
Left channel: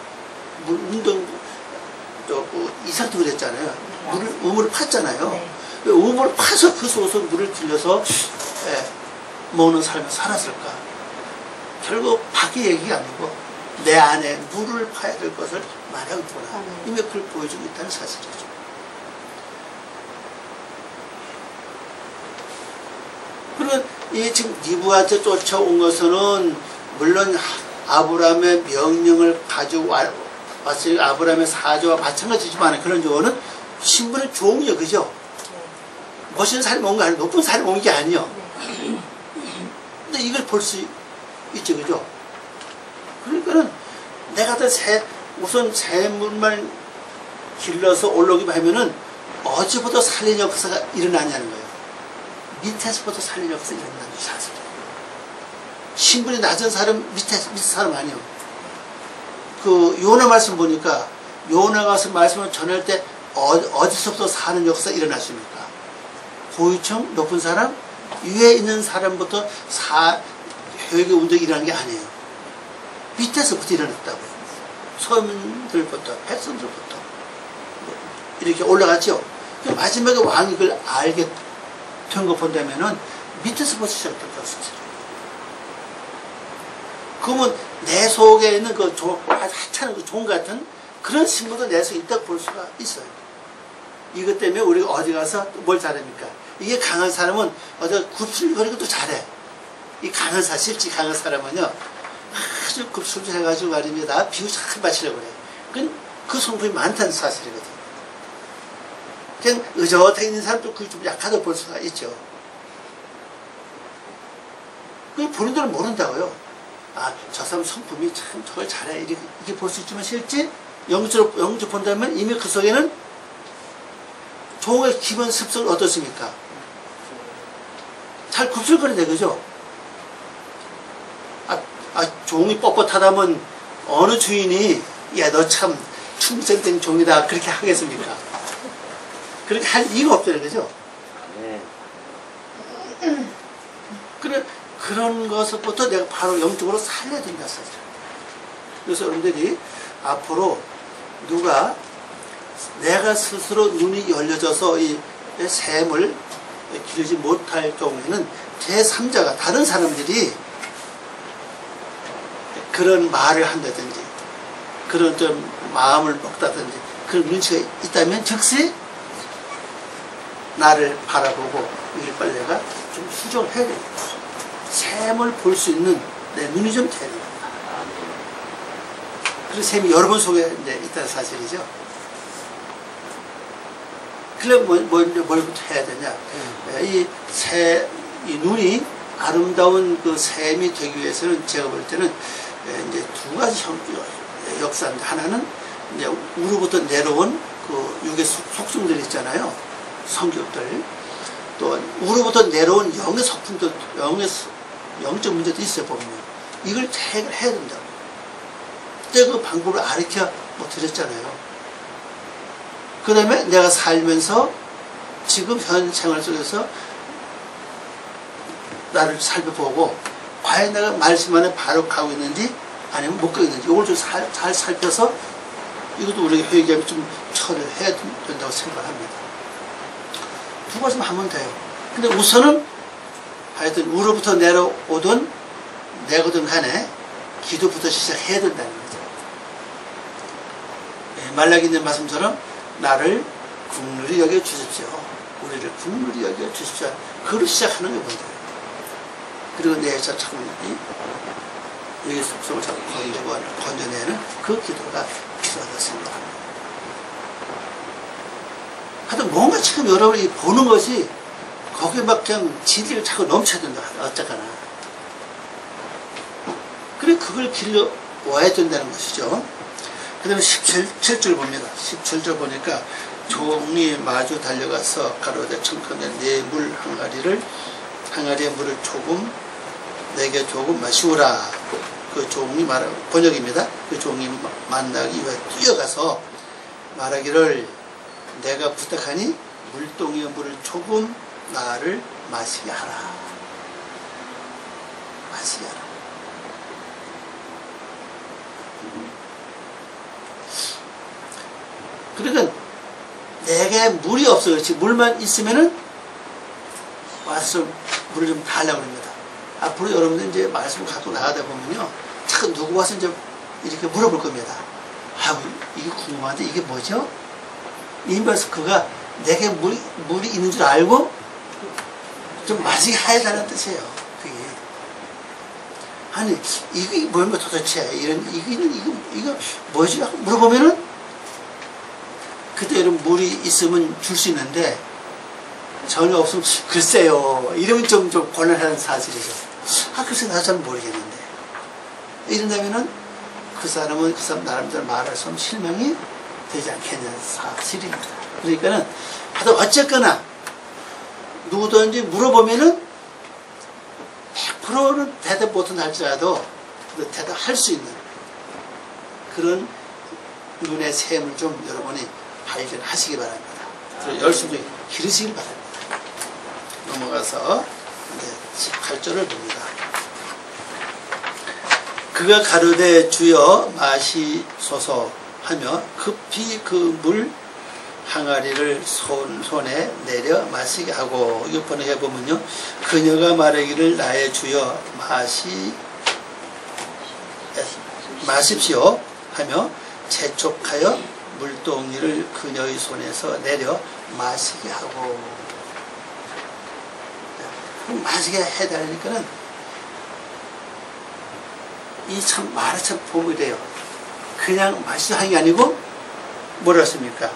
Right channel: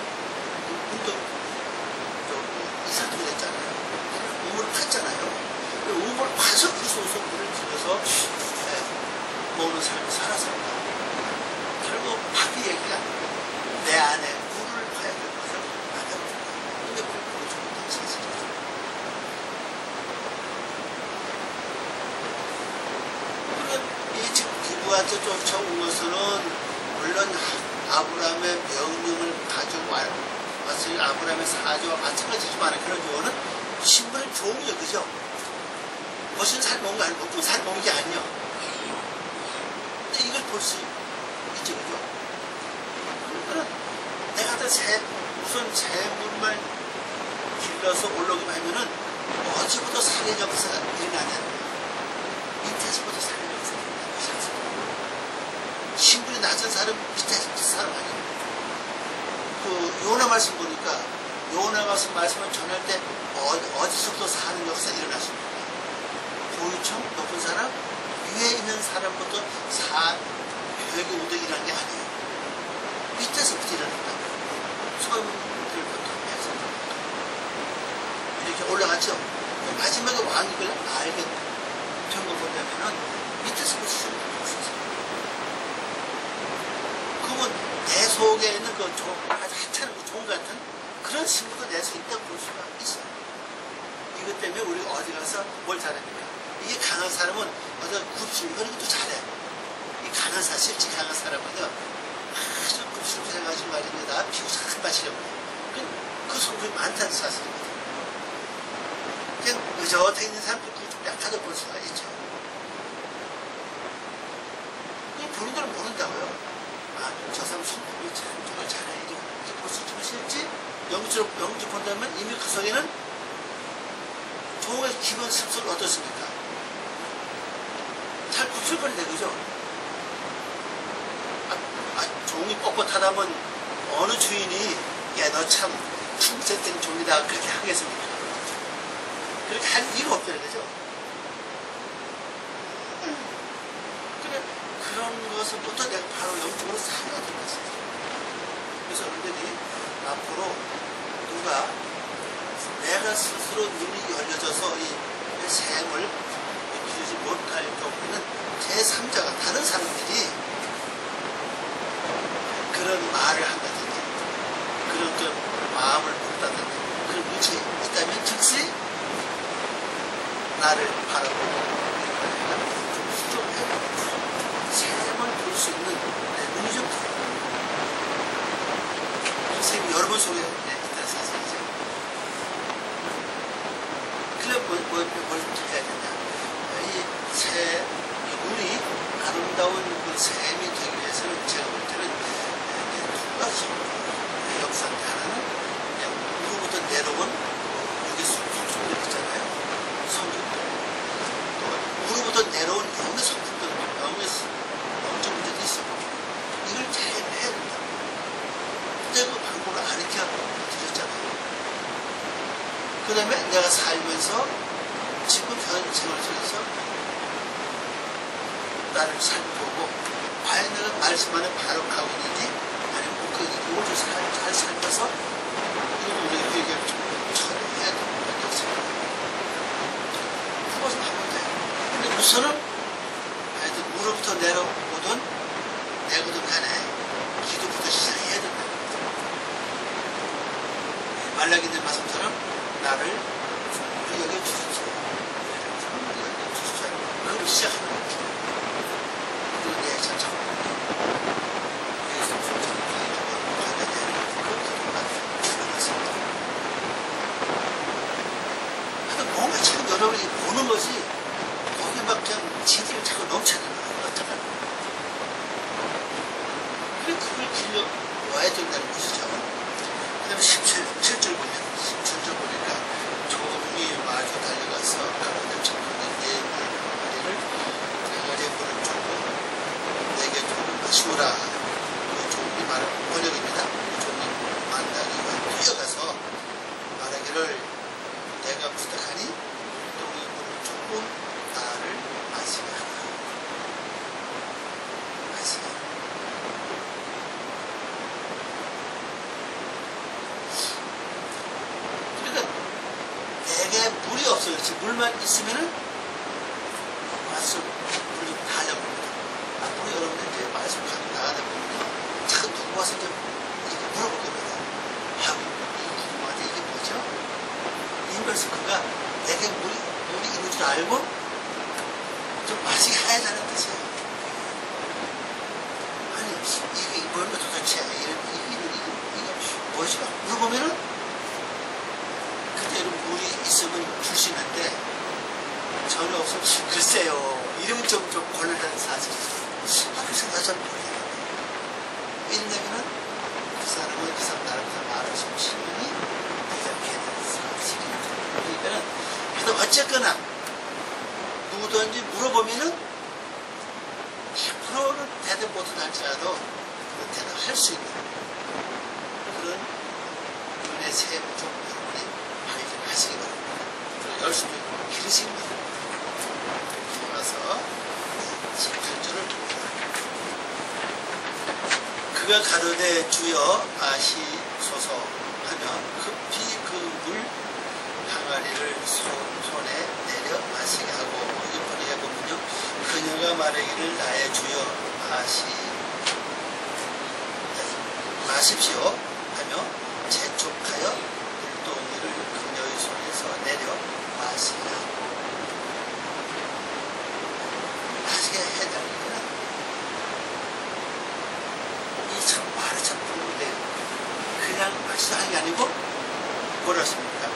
물 운동 이삭도 그랬잖아요. 우물을 팠잖아요. 우물을 파서 그 속에서 물을 길러서 먹는 삶을 살았을까? 결국 밖의 얘기가 아니고 내 안에 물을 파야 될 것을 말하고 있구나. 이미 그걸 보여주고 있다는 사실이죠. 그러면 이 지금 니부한테 쫓아온 것은 물론 아브라함의 명령을 가지고 왔으니 아브라함의 사조와 마찬가지지만 그런 경우는 신분의 종이요, 그죠? 멋있는 사람이 온 거 아니에요. 높은 사람이 온 게 아니에요. 근데 이걸 볼 수 있죠, 그죠? 그러니까는 내가 우선 샘물만 길러서 올라오기만 하면은 어디부터 살린 역사가 일어나냐는 거예요. 밑에서부터 살린 역사가 일어나는 거예요, 사실. 신분이 낮은 사람, 밑에 사람 아니에요. 그 요나 말씀 보니까 요나가 말씀을 전할 때 어디서부터 사는 역사가 일어났습니까? 고위층, 높은 사람, 위에 있는 사람부터 회개 운동이 일어나는 게 아니에요. 밑에서부터 일어났다고요. 서민들부터, 백성들부터 이렇게 올라갔죠. 마지막에 왕이 그걸 알게 된 거 본다면은 밑에서부터 시작됐다는 사실이에요. 그러면 내 속에 있는 그 하찮은 그 종 같은 그런 신분도 내 속에 있다고 볼 수가 있어요. 이것 때문에 우리가 어디 가서 뭘 잘합니까? 이게 강한 사람은 어디 굽슬거리고 또 잘해. 이 강한 사람, 실제 강한 사람은요, 아주 굽슬해가지고 말입니다. 비유 잘 맞추려고 그래. 그 성품이 많다는 사실이거든. 그냥 의젓해 있는 사람도 그게 좀 약하다고 볼 수가 있죠. 그 본인들은 모른다고요. 아, 저 사람 성품이 참 저걸 잘해. 이렇게 볼 수 있지만 실제 영적으로 본다면 이미 그 속에는 종의 기본 습성을 어떻습니까? 잘 굽슬거리네, 그죠? 종이 뻣뻣하다면 어느 주인이 야, 너 참 충성된 종이다 그렇게 하겠습니까? 그렇게 할 이유가 없잖아요, 그죠? 네. 그런 것부터 내가 바로 영적으로 살려야 된다, 사실. 그래서 여러분들이 앞으로 누가 내가 스스로 눈이 열려져서 이 샘을 기르지 못할 경우에는 제3자가 다른 사람들이 그런 말을 한다든지 그런 좀 마음을 먹다든지 그런 눈치가 있다면 즉시 나를 바라보고 이를 빨리 내가 좀 수정을 해야 됩니다. 샘을 볼 수 있는 내 눈이 좀 돼야 됩니다. 그래서 샘이 여러분 속에 있다는 사실이죠. 그래 뭘부터 해야 되냐? 이 눈이 아름다운 그 샘이 되기 위해서는 제가 볼 때는 이제 두 가지 역사인데 하나는 이제 우로부터 내려온 그 육의 속성들이 있잖아요. 성격들. 또 우로부터 내려온 영의 속품도 영적 문제도 있어요, 보면요. 이걸 해결해야 된다고. 제가 그 방법을 가르쳐 드렸잖아요. 그 다음에 내가 살면서 지금 현 생활 속에서 나를 살펴보고 과연 내가 말씀 안에 바로 가고 있는지 아니면 못 가고 있는지 이걸 좀 잘 살펴서 이것도 우리가 회개하면 좀 처리를 해야 된다고 생각합니다. 두 가지만 하면 돼요. 근데 우선은 하여튼 우로부터 내려오든 내거든 간에 기도부터 시작해야 된다는 거죠. 예, 말라기 있는 말씀처럼 나를 긍휼히 여겨 주십시오. 우리를 긍휼히 여겨 주십시오. 그로 시작하는 게 먼저예요. 그리고 내 자꾸 여기 속성을 자꾸 건져내는 그 기도가 필요하다고 생각합니다. 하여튼 뭔가 지금 여러분이 보는 것이 거기에 막 그냥 진리가 자꾸 넘쳐야 된다. 어쩌거나. 그래 그걸 길러 와야 된다는 것이죠. 그 다음에 17절 봅니다. 17절 보니까 종이 마주 달려가서 가로되 청컨대 네 물 항아리에 물을 조금 내게 조금 마시우라. 그 종이 번역입니다. 그 종이 만나기 위해 뛰어가서 말하기를 내가 부탁하니 물동이의 물을 조금 나를 마시게 하라. 마시게 하라. 그러니까 내게 물이 없어 그렇지 물만 있으면은 와서 물을 좀 달라고 합니다. 앞으로 여러분들 이제 말씀을 갖고 나가다 보면요 자꾸 누구 와서 이제 이렇게 물어볼 겁니다. 아, 이게 궁금한데 이게 뭐죠? 이면서 그가 내게 물이 있는 줄 알고 좀 마시게 해달라는 뜻이에요. 그게 아니 이게 뭐면 도대체 이거 뭐지? 물어보면은 그대로 물이 있으면 줄 수 있는데 전혀 없으면 글쎄요 이러면 좀 곤란한 사실이죠. 아 글쎄 나도 잘 모르겠는데 이런다면은 그 사람 나름대로 말할 수 없는 실명이 되지 않겠냐는 사실입니다. 그러니까는 하여튼 어쨌거나 누구든지 물어보면은 100%는 대답 못은 할지라도 대답할 수 있는 그런 눈의 샘을 좀 여러분이 발견하시기 바랍니다. 열심히 기르시길 바랍니다. 넘어가서 이제 18절을 봅니다. 그가 가로되 주여 마시소서 하며 급히 그 물 항아리를 손에 내려 마시게 하고 이거 번역해 보면요 그녀가 말하기를 나의 주여 마십시오 하며 재촉하여 물동이를 그녀의 손에서 내려 마시게 하고 그럼 마시게 해달라니까는 이 참 말이 참 도움이 돼요. 그냥 마시게 하는 게 아니고 뭐라 했습니까?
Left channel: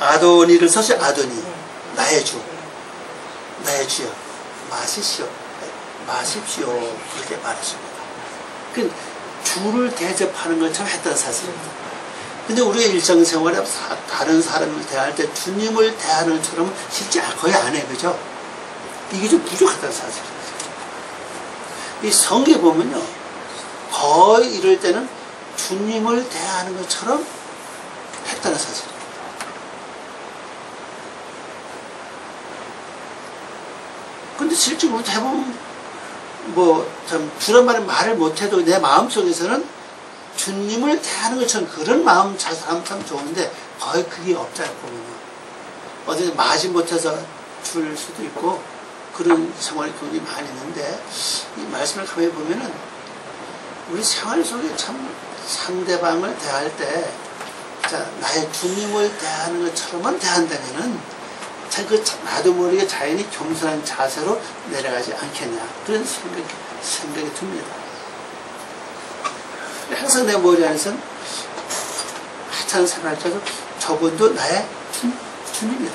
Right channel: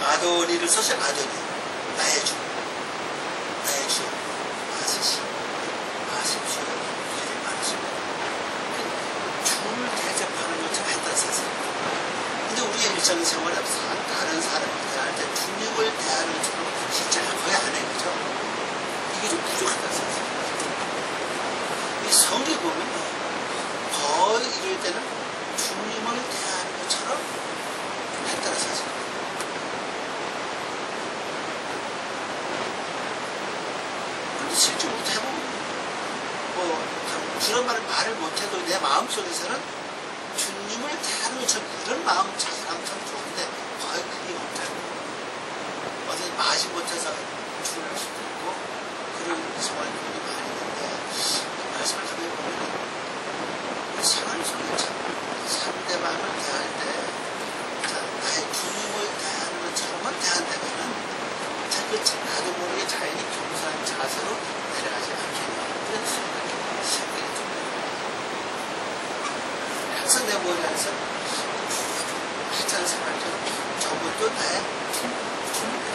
아도니를 써서 아도니 나의 주여 마십시오 그렇게 말했습니다. 그 주를 대접하는 것처럼 했다는 사실입니다. 근데 우리가 일상생활에 다른 사람을 대할 때 주님을 대하는 것처럼 실제 거의 안 해, 그죠? 이게 좀 부족하다는 사실입니다. 이 성경에 보면요 거의 이럴 때는 주님을 대하는 것처럼 했다는 사실입니다. 근데 실제 우리 대부분 참 주란 말을 못해도 내 마음속에서는 주님을 대하는 것처럼 그런 마음 사람 참 좋은데 거의 그게 없잖아요. 보면요. 어디 마지 못해서 줄 수도 있고 그런 생활 교육이 많이 있는데 이 말씀을 가만히 보면은 우리 생활 속에 참 상대방을 대할 때 자, 나의 주님을 대하는 것처럼만 대한다면은 참 나도 모르게 자연히 겸손한 자세로 내려가지 않겠냐 그런 생각이 듭니다. 항상 내 머리 안에서는 하찮은 생각을 해도 저분도 나의 주님이다.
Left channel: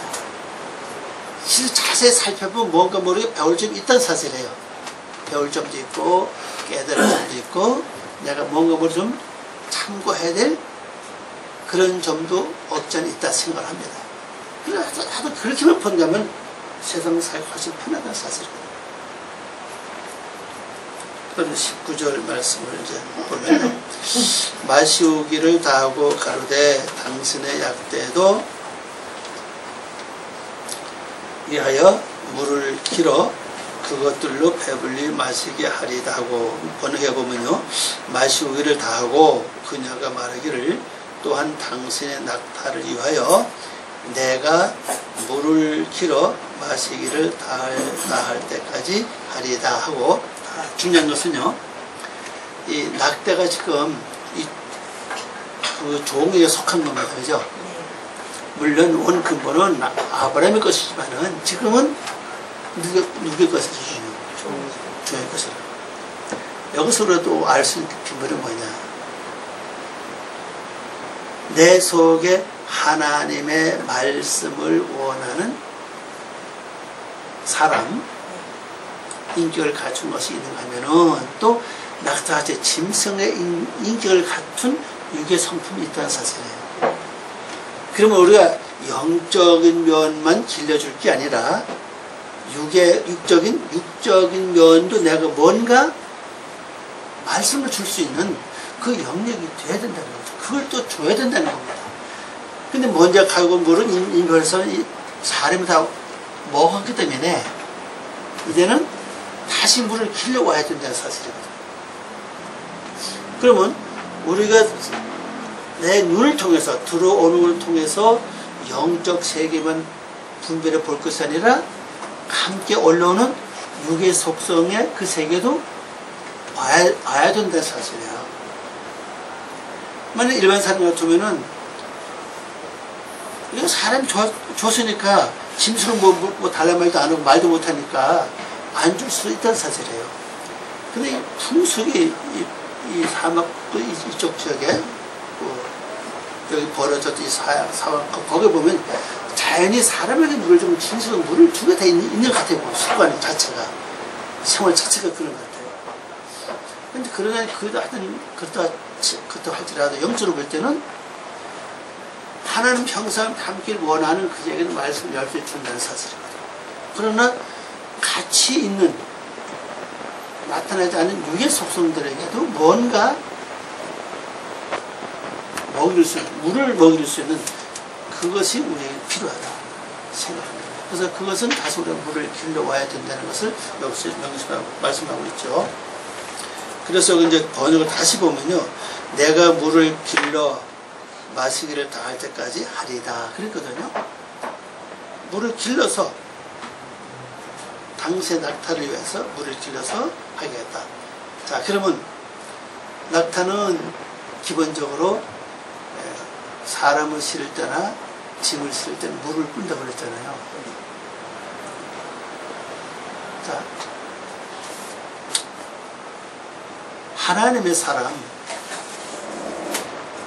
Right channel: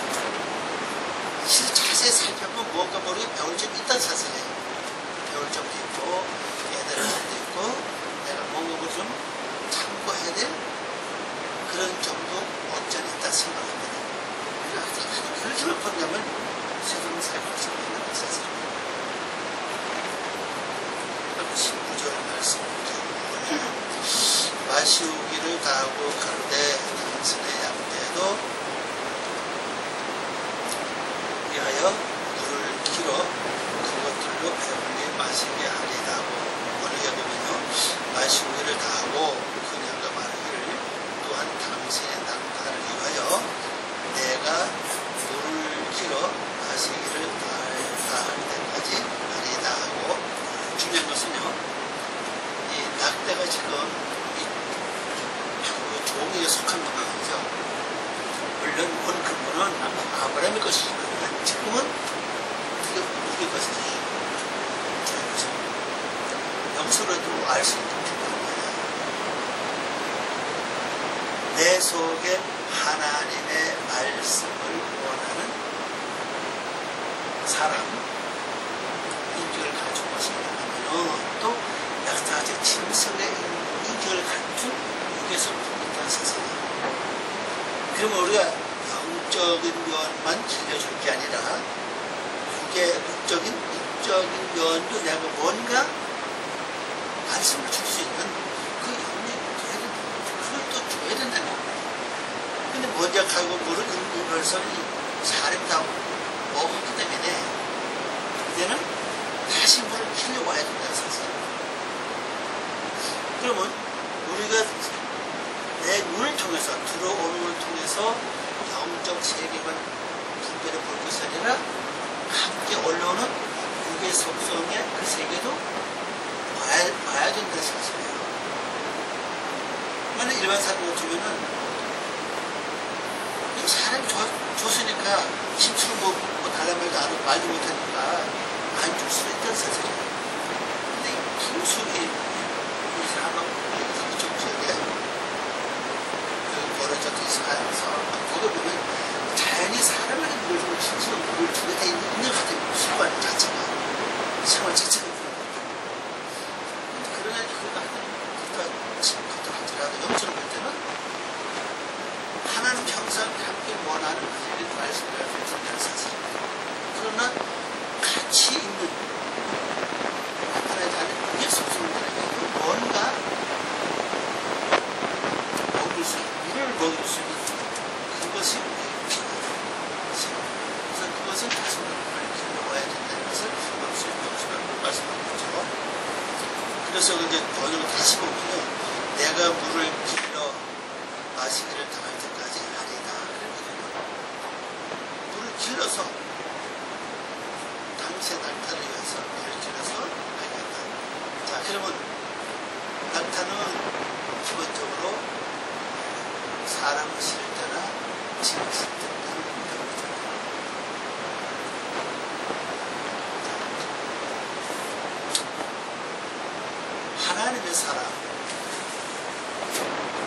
실제 자세히 살펴보면 뭔가 모르게 배울 점이 있다는 사실이에요. 배울 점도 있고 깨달을 점도 있고 내가 뭔가 모르게 좀 참고해야 될 그런 점도 없지 않아 있다 생각을 합니다. 그래서 하도 그렇게만 본다면 세상 살기 훨씬 편하다는 사실이거든요. 그러면 19절 말씀을 이제 보면 마시우기를 다하고 가로되 당신의 약대도 위하여 물을 길어 그것들로 배불리 마시게 하리다 하고 번역해 보면요 마시우기를 다하고 그녀가 말하기를 또한 당신의 낙타를 위하여 내가 물을 길어 마시기를 다할 때까지 하리다 하고 중요한 것은요 이 낙대가 지금 그 종에게 속한 겁니다. 그죠? 물론 원 근본은 아브라함의 것이지만은 지금은 누구의 것이죠? 종의 것이라. 여기서라도 알 수 있는 비밀은 뭐냐? 내 속에 하나님의 말씀을 원하는 사람, 인격을 갖춘 것이 있는가 하면은 또 낙타같이 짐승의 인격을 갖춘 육의 성품이 있다는 사실이에요. 그러면 우리가 영적인 면만 길러줄 게 아니라 육적인 면도 내가 뭔가 말씀을 줄 수 있는 그 영역이 돼야 된다는 거죠. 그걸 또 줘야 된다는 겁니다. 근데 먼저 가고 물은 인별서 사람이 다 먹었기 때문에 이제는 다시 물을 길러와야 된다는 사실이거든요. 그러면 우리가 내 눈을 통해서 들어오는 걸 통해서 영적 세계만 분별해 볼 것이 아니라 함께 올라오는 육의 속성의 그 세계도 봐야 된다는 사실이에요. 만약 일반 사람 같으면은 이거 사람이 줬으니까 짐승은 뭐 달란 말도 안 하고 말도 못하니까 안 줄 수 있다는 사실이에요. 근데 이 풍속이 이 사막 이쪽 지역에 여기 벌어졌던 이 사막 거기 보면 자연히 사람에게 물을 주면 짐승은 물을 주게 돼 있는 것 같아요. 습관 자체가 생활 자체가 그런 것 같아요. 근데 그러나 그렇다 할지라도 영적으로 볼 때는 하나님 형상 담기를 원하는 그에게는 말씀을 열심히 준다는 사실이거든요. 그러나 같이 있는 나타나지 않는 육의 속성들에게도 뭔가 물을 먹일 수 있는 그것이 우리에게 필요하다 생각합니다. 그래서 그것은 다시 우리가 물을 길러와야 된다는 것을 여기서 명시하고 말씀하고 있죠. 그래서 이제 번역을 다시 보면요, 내가 물을 길러 마시기를 다할 때까지 하리다 그랬거든요. 물을 길러서 당시의 낙타를 위해서 물을 길러서 하겠다. 자, 그러면 낙타는 기본적으로 사람을 실을 때나 짐을 실을 때 물을 꾼다고 그랬잖아요. 자, 하나님의 사람,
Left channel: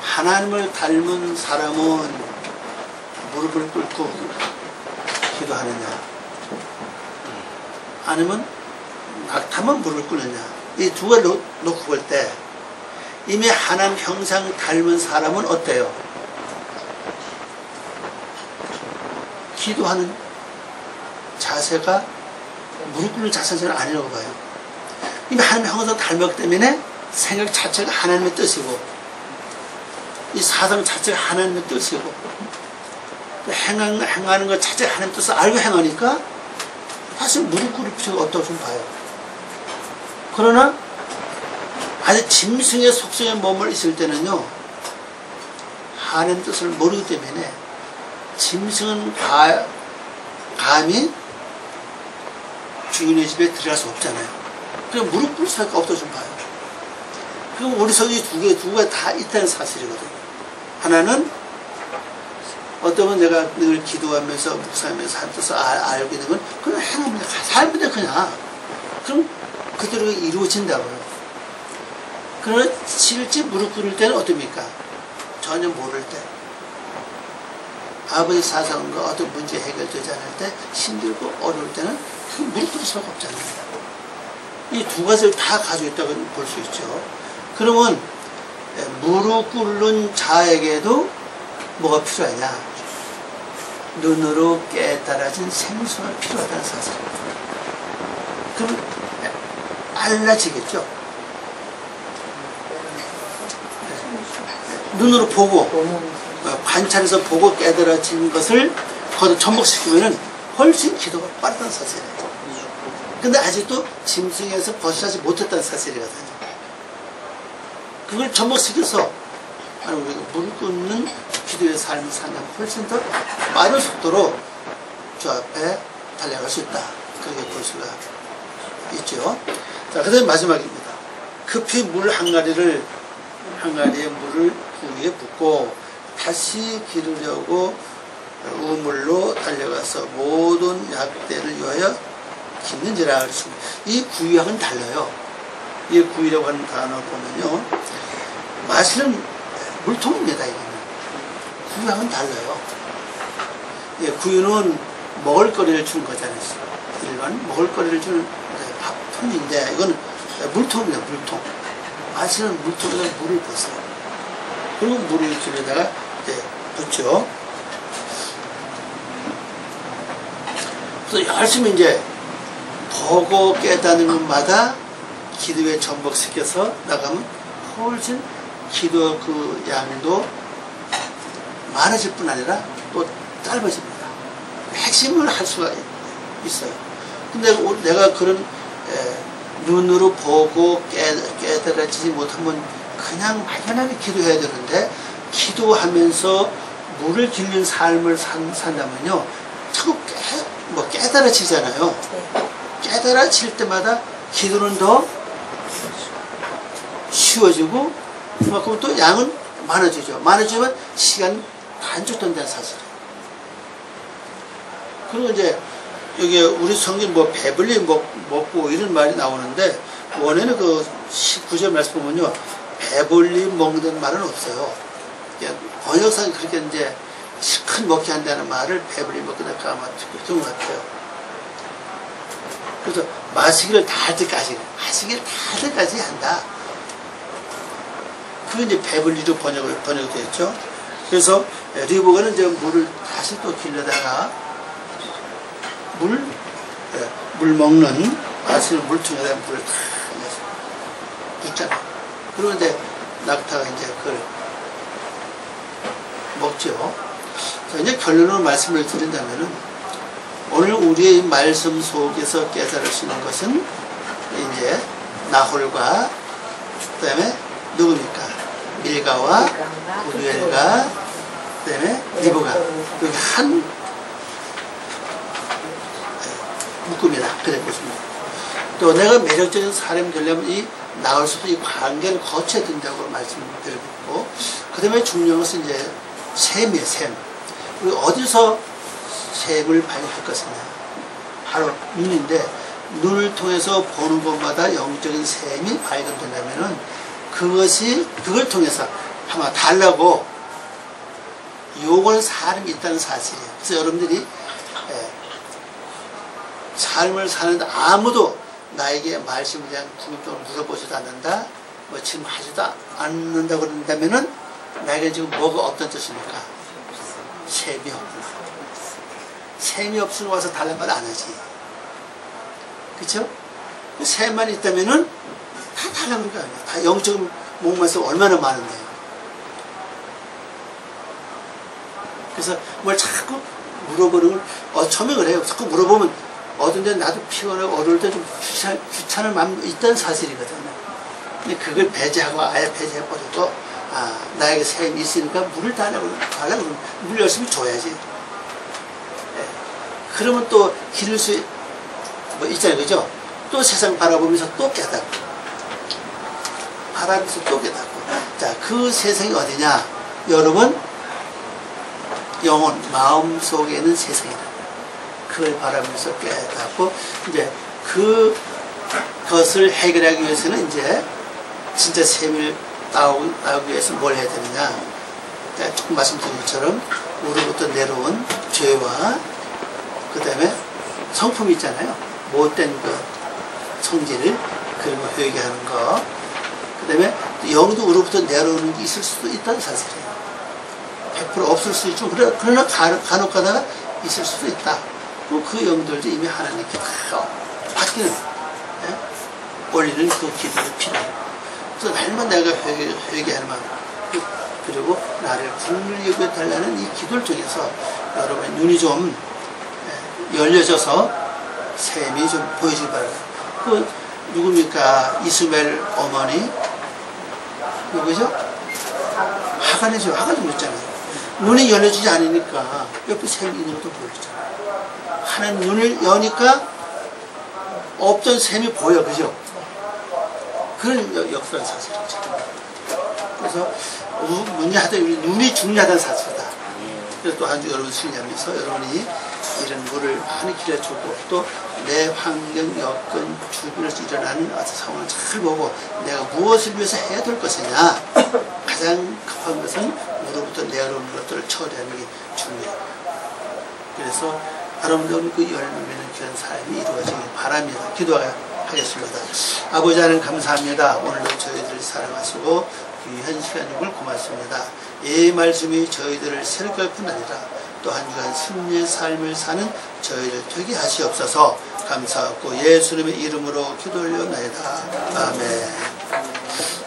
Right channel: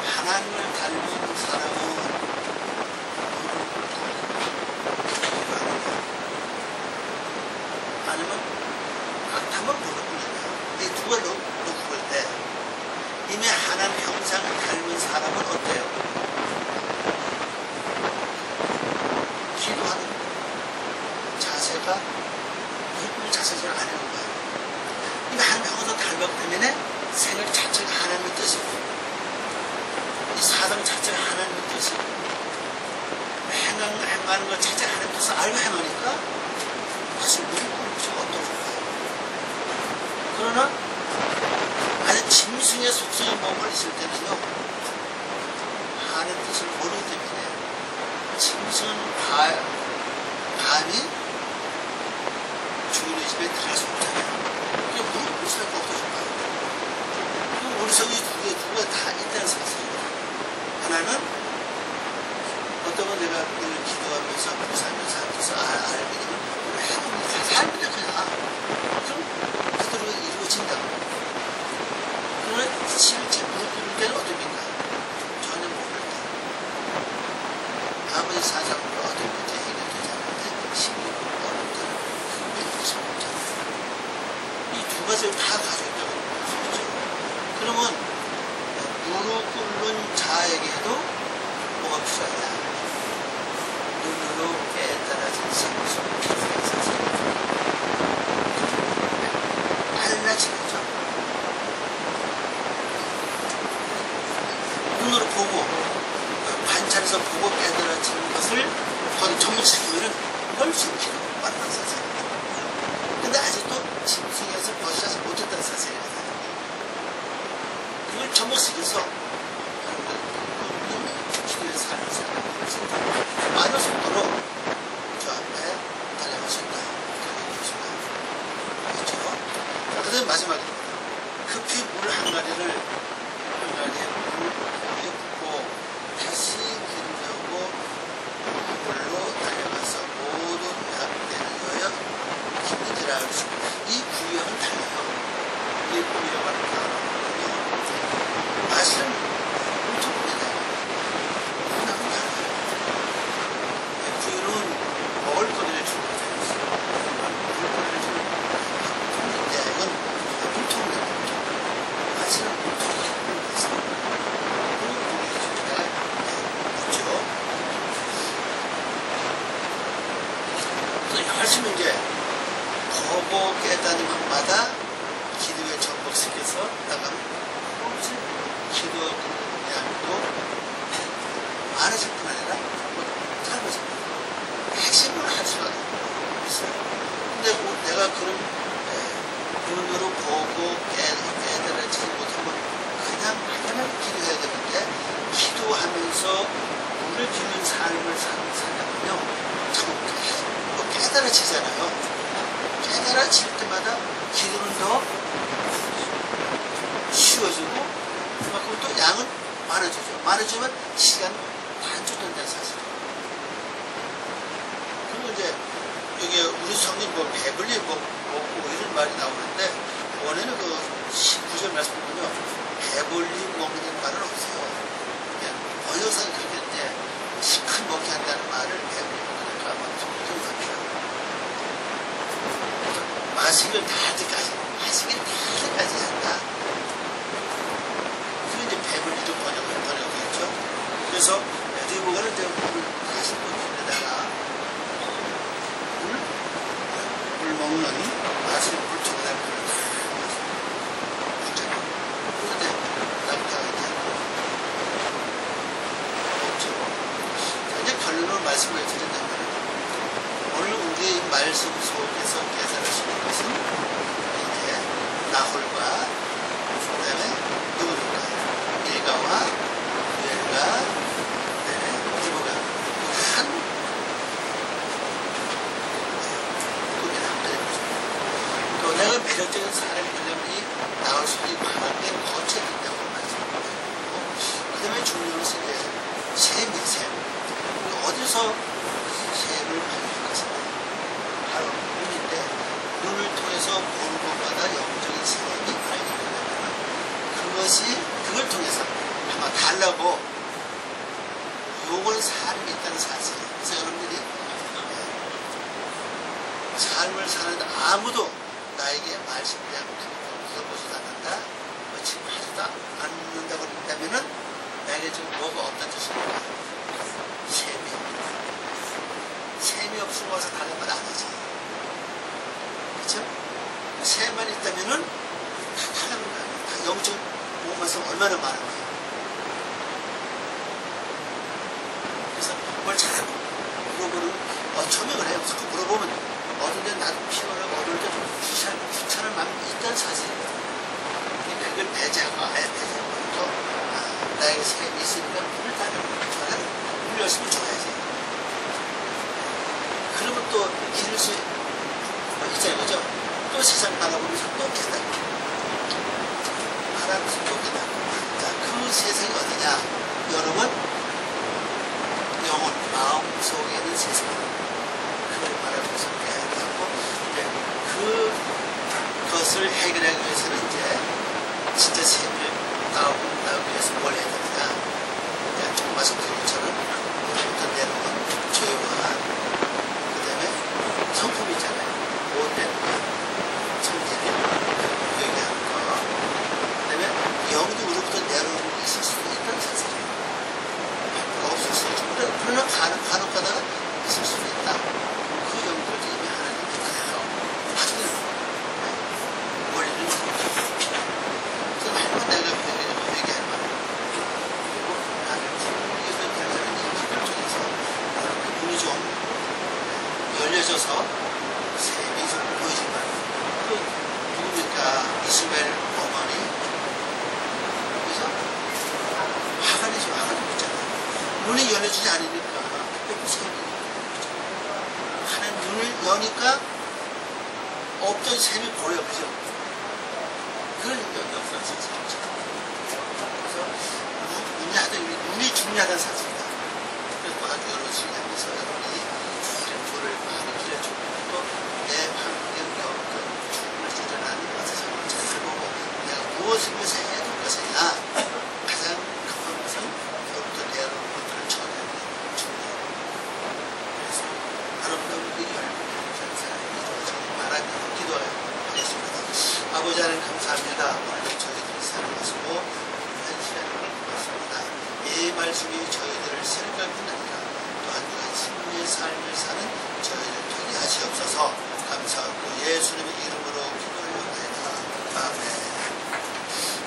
하나님을 닮은 사람은 무릎을 꿇고 기도하느냐, 아니면 낙타만 무릎을 꿇느냐, 이 두 가지를 놓고 볼 때 이미 하나님 형상 닮은 사람은 어때요? 기도하는 자세가 무릎 꿇는 자세는 아니라고 봐요. 이미 하나님 형상 닮았기 때문에 생각 자체가 하나님의 뜻이고 이 사상 자체가 하나님의 뜻이고 행하는 것 자체가 하나님의 뜻을 알고 행하니까 다시 무릎 꿇을 필요가 없다고 좀 봐요. 그러나 아주 짐승의 속성에 머물 있을 때는요, 하나님 뜻을 모르기 때문에 짐승은 감히 주인의 집에 들어갈 수 없잖아요. 그냥 무릎 꿇을 수밖에 없다고 좀 봐요. 그럼 우리 속에 두 개 다 있다는 사실이거든요. 하나는 어떠면 내가 늘 기도하면서 묵상하면서 하나님 뜻을 알고 있는 건 그냥 행하면 돼. 살면 돼 그냥. 그럼 그대로 이루어진다고요. 그러나 실제 무릎 꿇을 때는 어떻습니까? 전혀 모를 때, 아버지 사상과 어떤 문제 해결되지 않을 때, 힘들고 어려울 때는 그 무릎 꿇을 수밖에 없잖아요. 이 두 가지를 다 가지고 있다고 볼 수 있죠. 그러면 무릎 꿇는 자에게도 뭐가 필요하냐? 눈으로 깨달아진 생수가 필요하다는 사실입니다. 그럼 알라지겠죠? 눈으로 보고 관찰해서 보고 깨달아진 것을 거기에 접목시키면 훨씬 기도가 빠르다는 사실이에요. 근데 아직도 짐승에서 벗어나지 못했다는 사실이거든요. 그걸 접목시켜서 우리가 무릎 꿇는 기도의 삶을 산다면 훨씬 더 빠른 속도로 저 앞에 달려갈 수 있다. 그렇게 볼 수가 있죠. 자, 그 다음에 마지막입니다. 급히 물 한 가리의 물을 구유에 붓고 다시 기르려고 우물로 달려가서 모든 약대를 위하여 깃는지라 그랬습니다. 이 구유하고는 달라요. 이 구유라고 하는 단어 보면요, 마시는 물통입니다. 이거는 구유하고는 달라요. 예, 구유는 먹을거리를 주는 거잖아요. 일반 먹을거리를 주는 밥 통인데 이거는 물통이에요. 물통. 마시는 물통에다 물을 붓어요. 그리고 물을 길에다가 이제 붓죠. 그래서 열심히 이제 보고 깨닫는 것마다 기도에 전복시켜서 나가면 훨씬 기도 그 양도 많아질 뿐 아니라 또 짧아집니다. 핵심을 할 수가 있어요. 근데 내가 그런 눈으로 보고 깨달아지지 못하면 그냥 막연하게 기도해야 되는데, 기도하면서 물을 길는 삶을 산다면요 자꾸 깨달아지잖아요. 깨달아질 때마다 기도는 더 쉬워지고 그만큼 또 양은 많아지죠. 많아지면 시간 단축된다는 사실이에요. 그리고 이제 여기 우리 성경 뭐 배불리 먹고 이런 말이 나오는데, 원에는 그 19절 말씀 보면요 배불리 먹는 말은 없어요. 번역상이 그렇게 이제 실컷 먹게 한다는 말을 배불리 먹고 나까 아마 그런 것 같아요. 그래서 마시기를 다 할 때까지 한다. 그게 이제 배불리로 번역이 됐죠. 그래서 리보가는 이제 물을 다시 또 길러다가 물 먹는 마시는 물통에다가 물을 다 붓잖아요. 그리고 이제 낙타가 이제 그걸 먹죠. 자, 이제 결론으로 말씀을 드린다면은, 오늘 우리의 말씀 속에서 깨달을 수 있는 것은 이제 나홀과 그 다음에 누굽니까? 밀가와 구루엘과 그 다음에 리브가 여기 한 묶음이다. 그래 보십니다. 또 내가 매력적인 사람이 되려면 이 나올 수도 이 관계를 거쳐야 된다고 말씀드렸고, 그 다음에 중요한 것은 이제 셈이에요. 셈. 우리 어디서 셈을 발견할 것이냐? 바로 눈인데, 눈을 통해서 보는 것마다 영적인 셈이 발견된다면은 그걸 통해서 아마 달라고 요구하는 사람이 있다는 사실이에요. 그래서 여러분들이 삶을 사는데 아무도 나에게 말씀에 대한 궁금증을 물어보지도 않는다, 뭐 지금 하지도 않는다고 그런다면은 나에게 지금 뭐가 없다는 뜻입니까? 셈이 없구나. 셈이 없으면 와서 달란 말 안 하지. 그쵸? 그 셈만 있다면은 다 달라고 그럴 거 아니에요. 다 영적인 목말씀 얼마나 많은데요. 그래서 뭘 자꾸 물어보는 걸, 처음에 그래요. 자꾸 물어보면 어떤데 나도 피곤하고 어려울 때 좀 귀찮은 마음이 있다는 사실이거든요. 근데 그걸 배제하고 아예 배제해버리고, 나에게 셈이 있으니까 물을 달라고 물 열심히 줘야지. 네. 그러면 또 기를 수 있잖아요. 그죠? 또 세상 바라보면서 또 깨닫고, 바라보면서 또 깨닫고. 자, 그 세상이 어디냐? 여러분, 영혼, 마음 속에 있는 세상이다. 그걸 바라보면서 깨닫고, 이제 그것을 해결하기 위해서는 이제 진짜 셈을 나오기 위해서 뭘 해야 되느냐. 자, 조금 말씀드린 것처럼 우리부터 내려온 죄와 그 다음에 성품 있잖아요. 못된 그 성질을, 그런 거 회개하는 거. 그 다음에 영도 우리부터 내려오는 게 있을 수도 있다는 사실이에요. 100% 없을 수 있지만, 그러나 간혹 가다가 있을 수도 있다. 그 영들도 이미 하나님께 다 바뀌는, 올리는 그 기도가 필요해요. 그래서 날만 내가 회개하는 마음, 그리고 나를 불을 여겨달라는 이 기도를 통해서 여러분의 눈이 좀 열려져서 셈이 좀 보여지기 바랍니다. 그 누굽니까? 이스마엘 어머니 누구죠? 하간이죠. 하간이 그랬잖아요. 눈이 열려지지 않으니까 옆에 셈이 있는 것도 모르잖아요. 하나님 눈을 여니까 없던 셈이 보여. 그죠? 그런 역사는 사실이죠. 그래서 눈이 중요하다는 사실이다. 그래서 또 한 주 여러분 승리하면서 여러분이 이런 물을 많이 길어주고, 또 내 환경, 여건, 주변에서 일어나는 어떤 상황을 잘 보고 내가 무엇을 위해서 해야 될 것이냐. 가장 급한 것은 우로부터 내려오는 것들을 처리하는 게 중요해요. 그래서 여러분들 그 열매 맺는 귀한 삶이 이루어지길 바랍니다. 기도하겠습니다. 하겠습니다. 아버지 하나님 감사합니다. 오늘도 저희들을 사랑하시고 귀한 시간임을 고맙습니다. 이 말씀이 저희들을 새롭게 할 뿐 아니라 또 한 주간 승리의 삶을 사는 저희를 되게 하시옵소서. 감사하고 예수님의 이름으로 기도 올려나이다. 아멘.